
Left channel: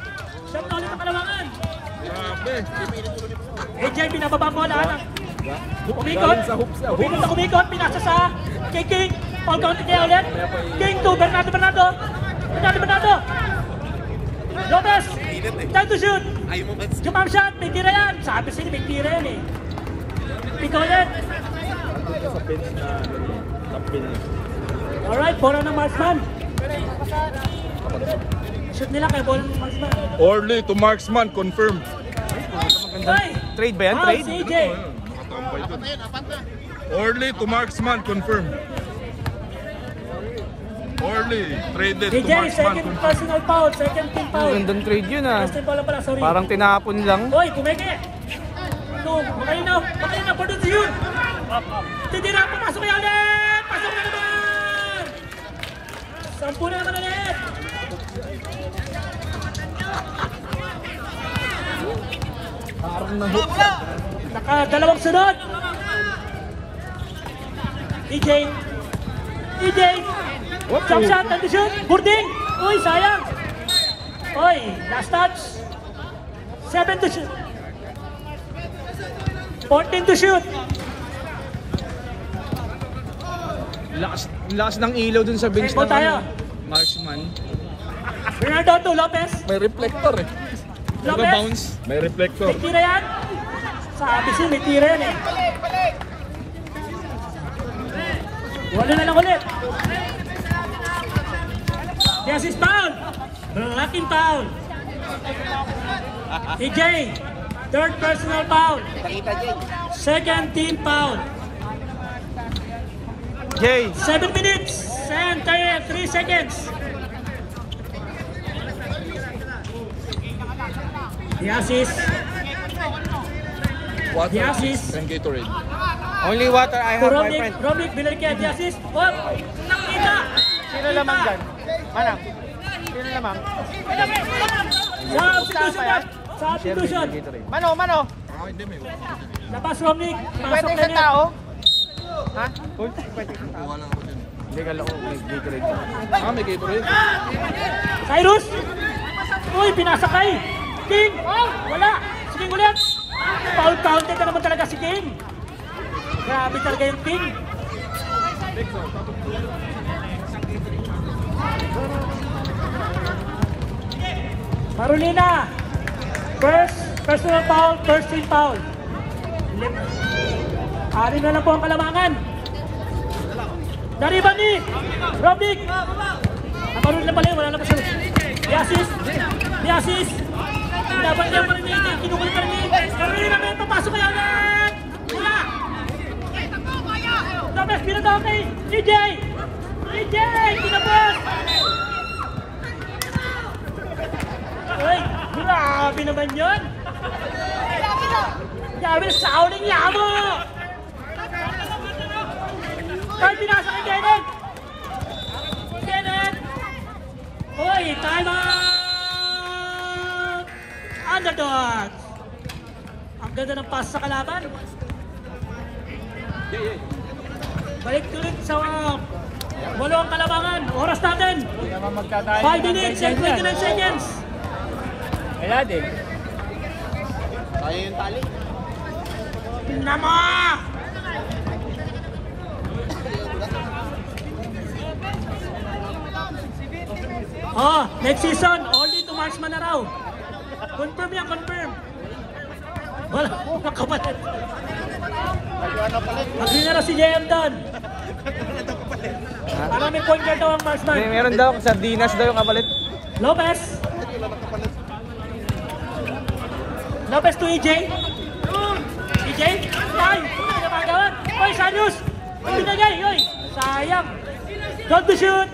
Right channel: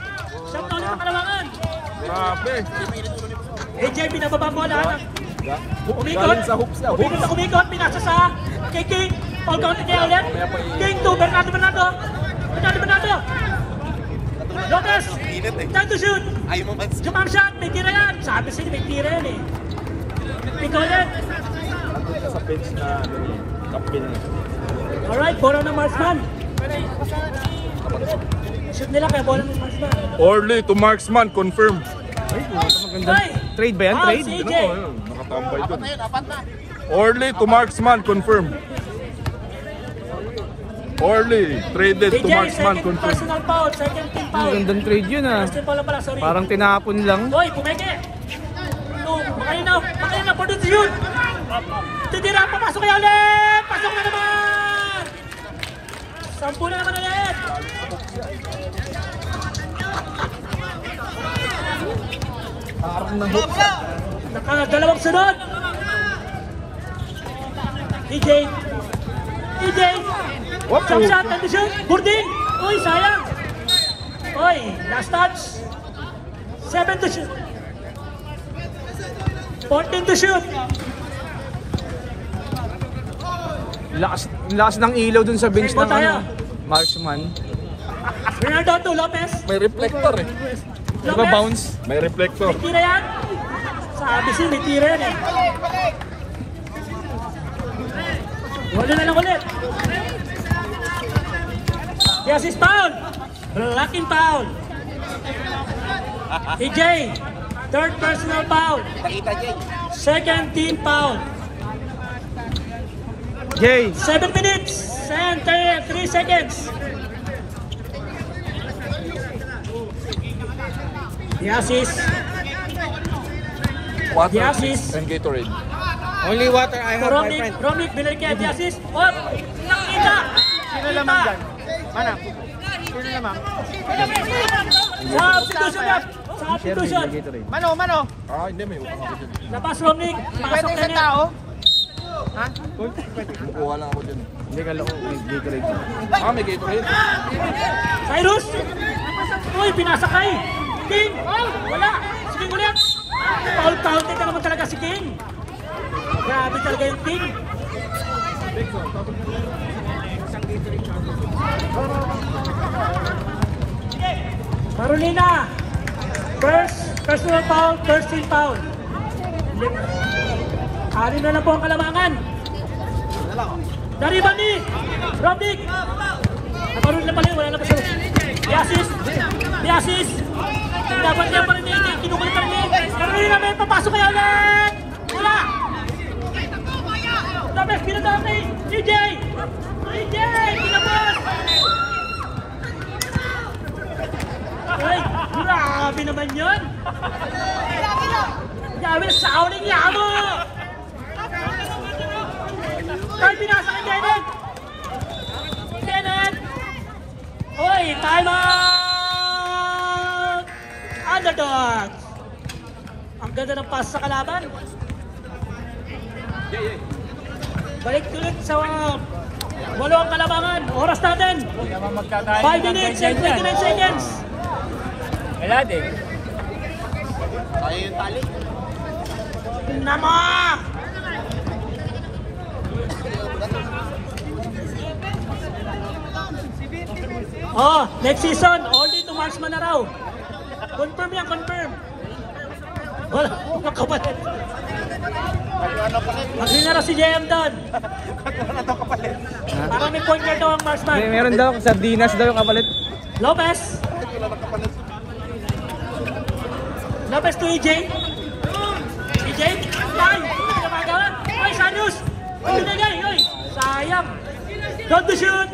Siyang talo ng kalamangan. AJ, pinababa mo na. Umikot. Pinasa sa King. All counted niya ulit. King to Bernardo. Jonas. Time to shoot. Jump shot. May tira yan. Sabi sa'yo may tira yan eh. Pick ulit. Alright, bola ng Marksman. Shoot nila kaya bola ng Marksman. Orly to Marksman, confirm. Trade ba yan? Trade? Nakatambay doon. Orly to Marksman, confirm. Orly, traded to Marksman, confirm. Ang gandang trade yun ah. Parang tinapon lang. Hoy, kumeke! Pakain na, produce yun! Titira, papasok kayo ulit! Pasok na naman! 10 na naman ulit! Naka-dalawang sunod! EJ! Jump shot, time to shoot! Burdin! Uy, sayang! Uy, last touch! 7 to shoot! 14 to shoot! Lakas ng ilaw dun sa bench Go tayo! Marksman. Bernardo to Lopez! May reflector eh. Diba bounce? May reflector. May tira yan! Sabi siya, may tira yan eh! Wala na lang ulit! Yes, it's foul! Blocking foul! EJ, third personal foul! Second team foul! Jay! 7 minutes and 3 seconds! The assist! The assist! Only water I have, my friend. Romnick, binalik kaya the assist! What? Nakita! Sino lamang dyan? Manang? Sino lamang? Sa substitution! Mano? Ah, hindi, may utang ako dyan. Labas Romnick! Pwede Pasok isang na tao? Ha? Kukuha lang ako dyan. Hindi ka lang may Gatorade. Ah, may Gatorade. Cyrus! Uy, pinasakay! King! Wala! Sige ulit! Foul counted na naman talaga si King! Grabe talaga yung King! Carolina! First personal foul, first team foul. Alin na lang po ang kalamangan. Daribani! Romnick! Nakarul na pala yun, wala na pa siya. Yasis! Laban niya! Kinukulit pa rin! Carolina may papasok kaya ulit! Wala! Tapos pinatawa kay EJ! Pinabas! Uy! Grabe naman yun! Grabe! Sauling yamo! Kahit pinasa kay Kenneth! Uy! Time out! Underdogs! Ang ganda ng pass sa kalaban. Balik ulit sa Walo ang kalabangan. Oras natin. 5 minutes and 29 seconds. Nama! Oh, next season, only to marksman na raw. Confirm yan, confirm. Wala, mga kapalit. Agree na raw si Jayan doon. Maraming point niya daw ang marksman. Meron daw, sardinas daw yung kapalit. Lopez. Lopez to EJ. EJ. Ay, pinapagawan. Oy, Sarius. Ang binagay. Oy, sayang. Don't to shoot.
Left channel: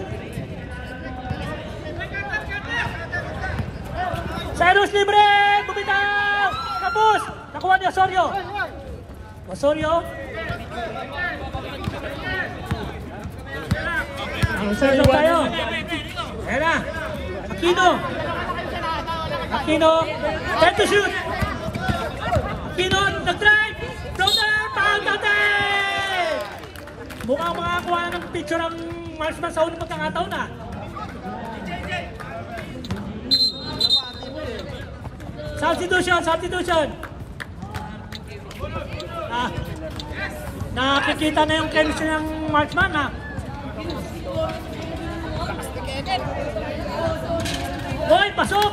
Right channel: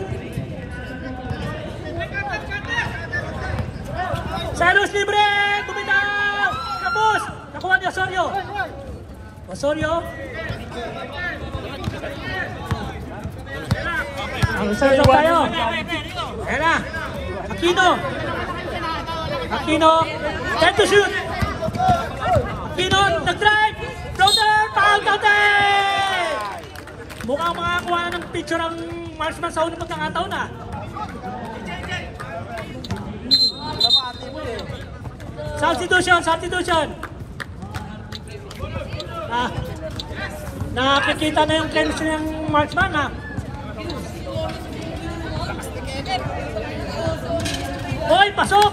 Cyrus libre! Bumitaw! Tapos! Nakuha ni Osorio. Osorio. Ang serve tayo. Ayan na. Aquino. Aquino. Time to shoot. Aquino. Nag-drive. Floater. Pagkatay! Mukhang makakuha ng picture ng marksman sa unang pagkakataon na. Substitution. Nakikita na yung chemistry ng marksman ha. Hoy, pasok!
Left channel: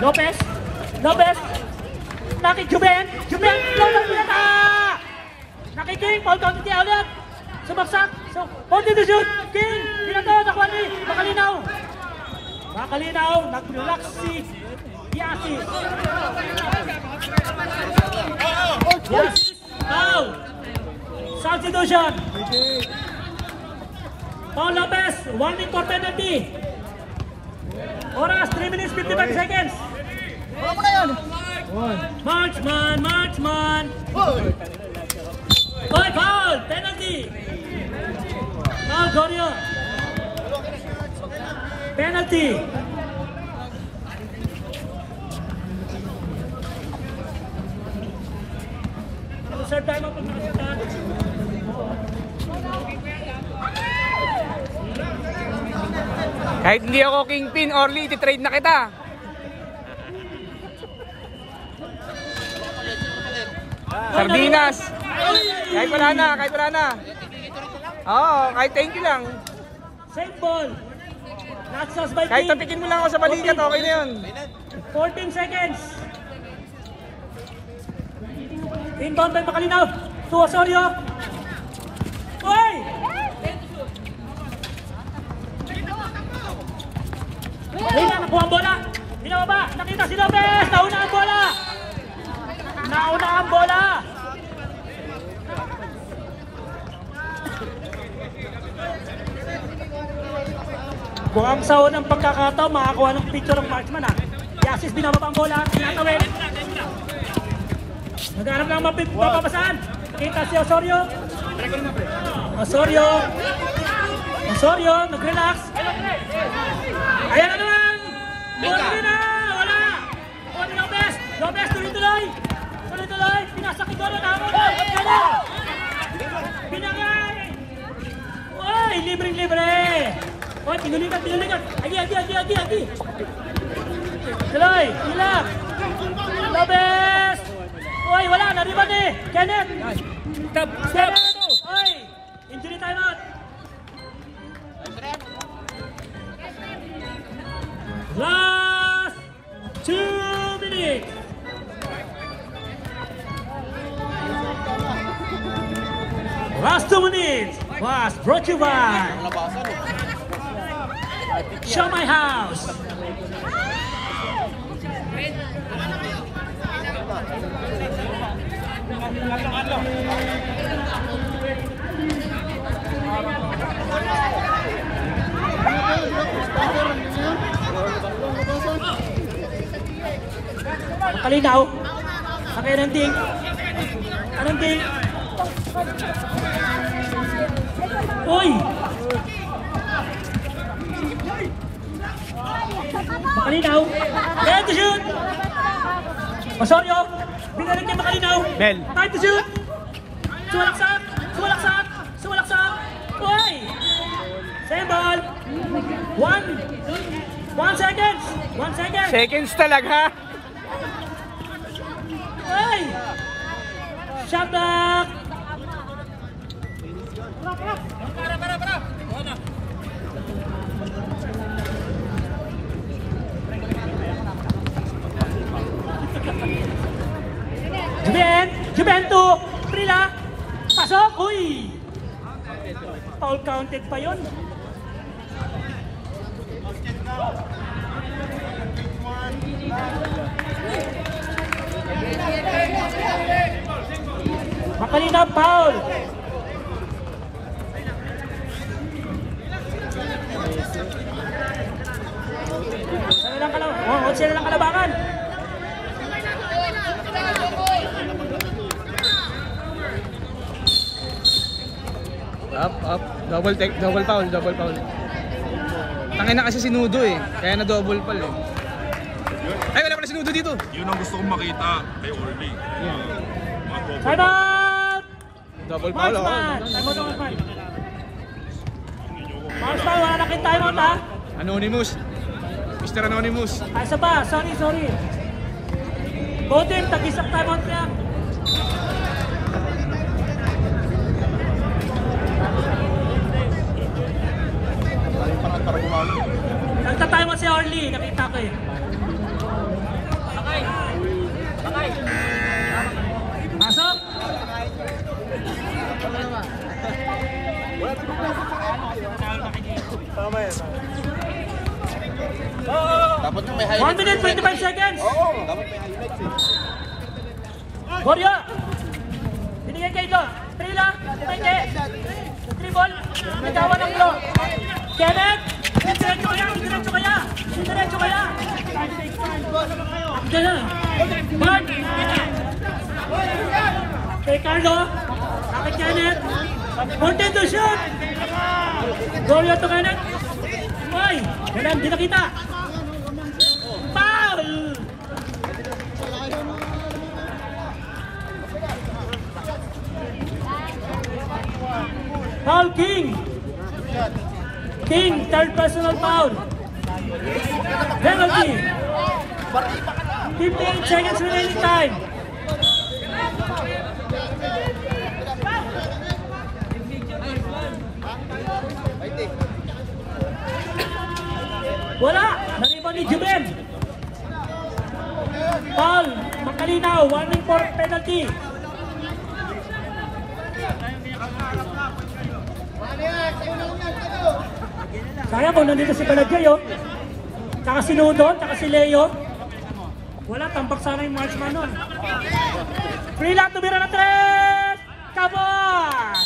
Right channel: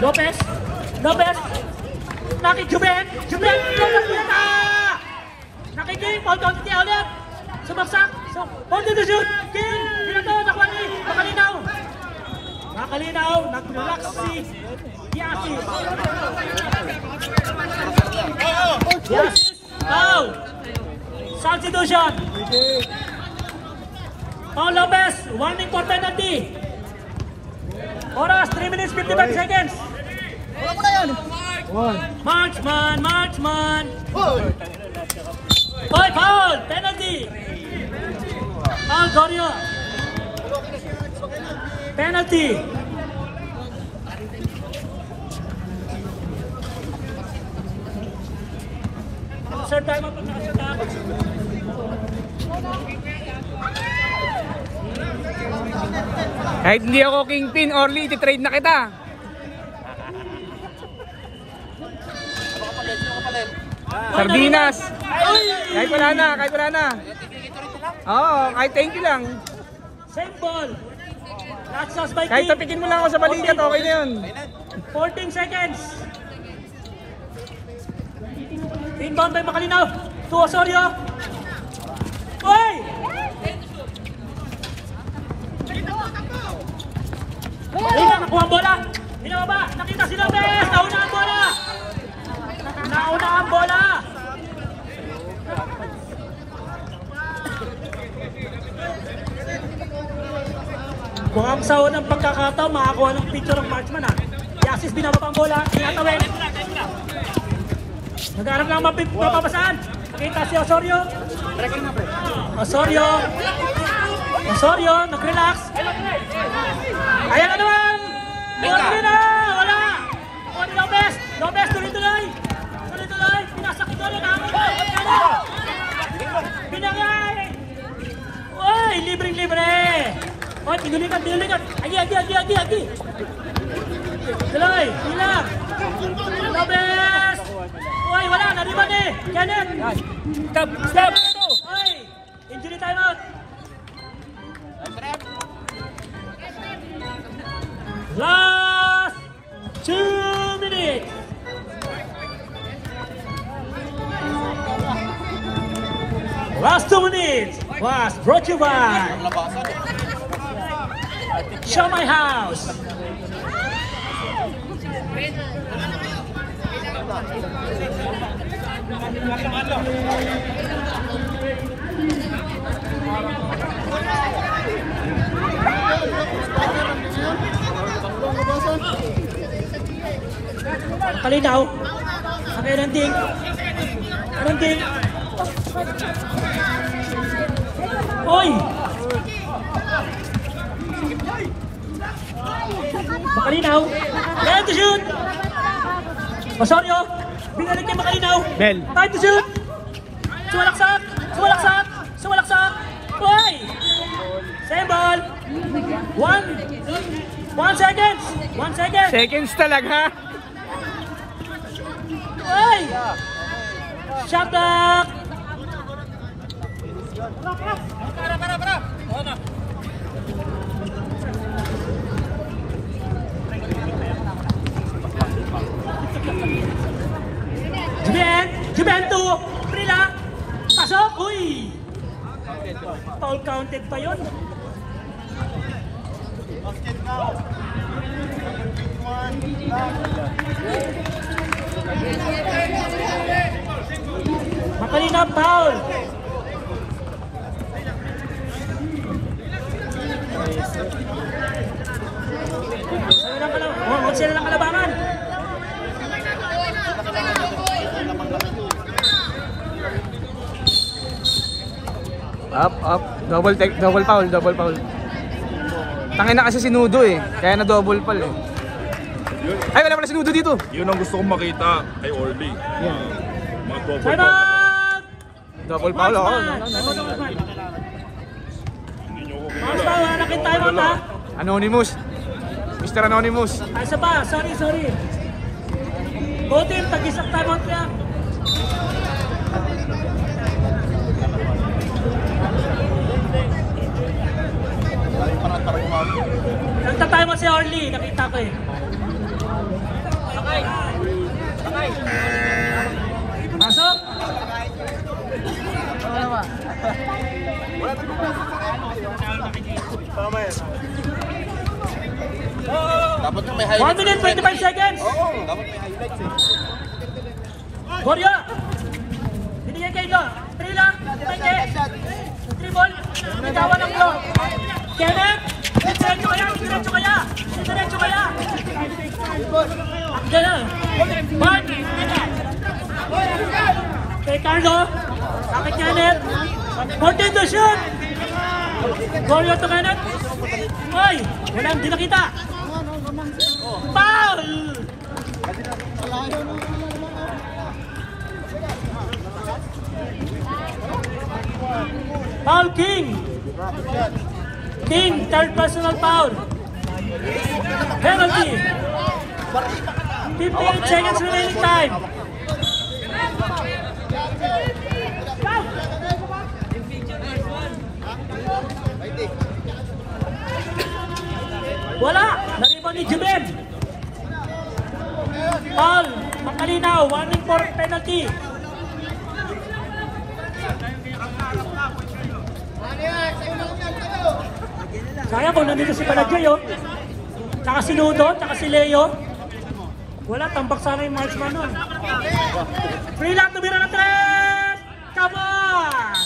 Lopez! Juben! Nakiking! Paul Tonti ulit! Sumagsak! Hold to shoot! King! Pinato! Nakuha ni Makalinaw! Nag-relax si Yasis! Foul! Substitution! Paul Lopez! 1 important penalty! Oras 3 minutes 55 seconds! Wala mo na yan! Marchman! Oy, foul! Penalty! Foul, Gorio! Penalty! Sir, tayo magpapakita. Kahit hindi ako kingpin, Orly, iti-trade na kita. Sardinas. Kahit wala na. Oo, kahit thank you lang. Same ball. Last sauce by Kahit team. tatikin mo lang ako sa balikat, okay na yun. 14 seconds. Inbound by Makalinaw. To Osorio. Oy! Makalinaw, buwang bola. Hinaw ba? Nakita si Lopez. Nauna ang bola. Mukhang sa unang pagkakataon, makakuha ng picture ng marksman ha. Yasis binababa ang bola, tinatawin. Nag-arap lang mapapasaan. Kita si Osorio. Osorio, nag-relax. Ayan na naman! Mukhang na! Wala! Lopez, tuloy-tuloy! Pinasakit ko rin ako! Pinangay! Oy! Libre! Oy, pinilikat! Agi! Tuloy! Hilang! Lopez! Oy, wala! Nariban eh! Kenneth! Step! Oy! Injury timeout! Last 2 minutes! Last 2 minutes was brought to you by Show My House. Kalinaw. Okay, Randing. Oy! Makalinaw. Time to shoot! Osorio! Binalik kay Makalinaw. Bell. Time to shoot! Sumalaksak! Sumalaksak! Sumalaksak! Uy! Same ball! 1 seconds! 1 second! Seconds talaga. Uy! Shot block! Juven 2! Prila! Pasok! Uy! Foul counted pa yun. Makalina foul! Sila lang kalabangan. Up. Double foul. Tangin na kasi si Nudo eh. Kaya na double foul eh. Ay, wala pala si Nudo dito. Yun ang gusto kong makita kay Orly. Mga double Side foul. up! Double foul ako. Hindi nyo ko Mas kilala. pa, nakita tayo Ako na. na. Anonymous. Mr. Anonymous. Asa pa, sorry. Botin, tag-isang timeout lang. Nagta-timeout si Orly, nakita ko eh. Sakay. Pasok. One minute, 25 seconds. Warrior. Binigay kayo ito. 3 lang. Binigay. 3 ball. Nagawa ng ito. Kenneth. Diretso kaya. Ito na. Ball. Ricardo. Kapit Kenneth. Content to shoot. Warrior to Kenneth. Oy. Wala, hindi nakita. Foul. Foul King. Third personal foul. Penalty. 15 seconds remaining time. Wala. Nariban ni Juven. Foul. Makalinaw. 1 point penalty. Kaya doon nandito si Calagillo, tsaka si Nudo, tsaka si Leo. Wala, tampak sana yung marksman nun. Free lang, tumira na 3! Come on!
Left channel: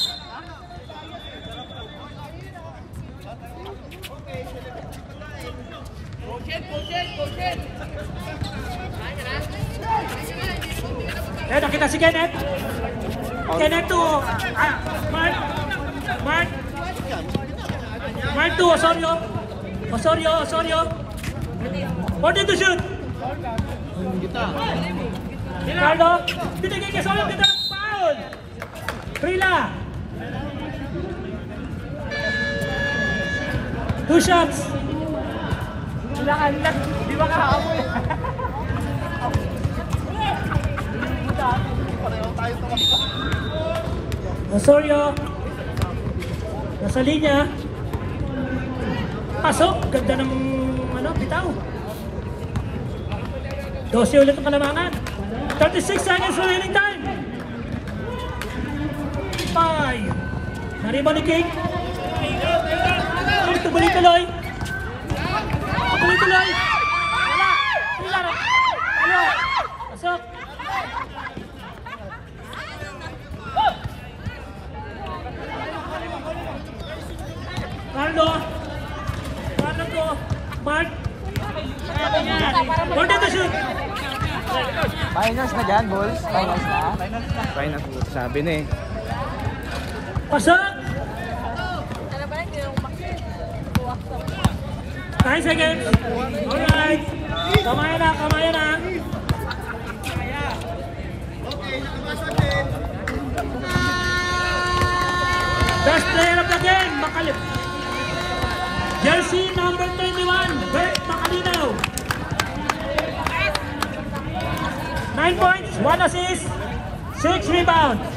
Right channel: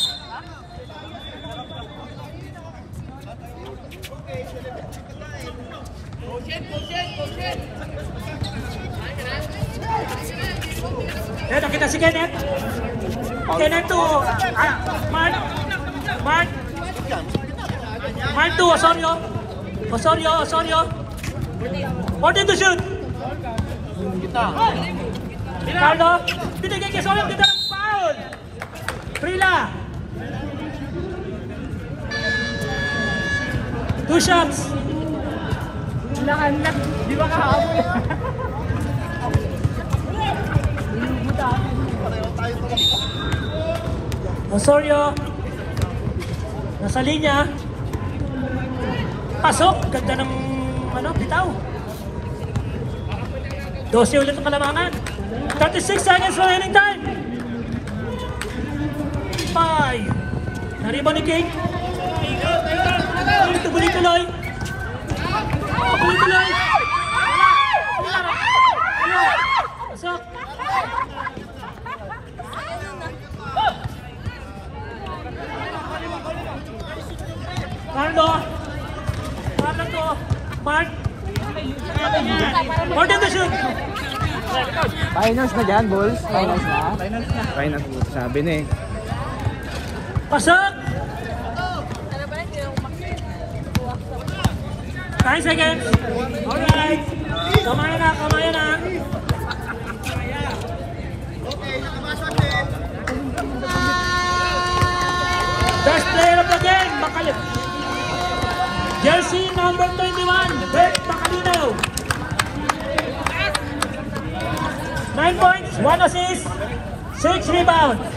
Eh, nakita si Kenneth. Kenneth to Mark 2, Osorio. Order to shoot. Ricardo, binigay kay Osorio, binigay foul. Prila. 2 shots. Di ba ka? Osorio. Nasa linya. Pasok, ganda ng bitaw. 12 ulit ang kalamangan. 36 seconds remaining time. Ay, nariban ni King. Tuloy. Pasok. Carlo. Mark. Order to shoot. Finals na dyan, Bulls. Finals na. Sabi na eh. Pasok. 9 seconds. Alright. Kamaya na. Okay. Best player of the game, Jersey number 21, Bert Macalino. 9 points, 1 assist, 6 rebounds.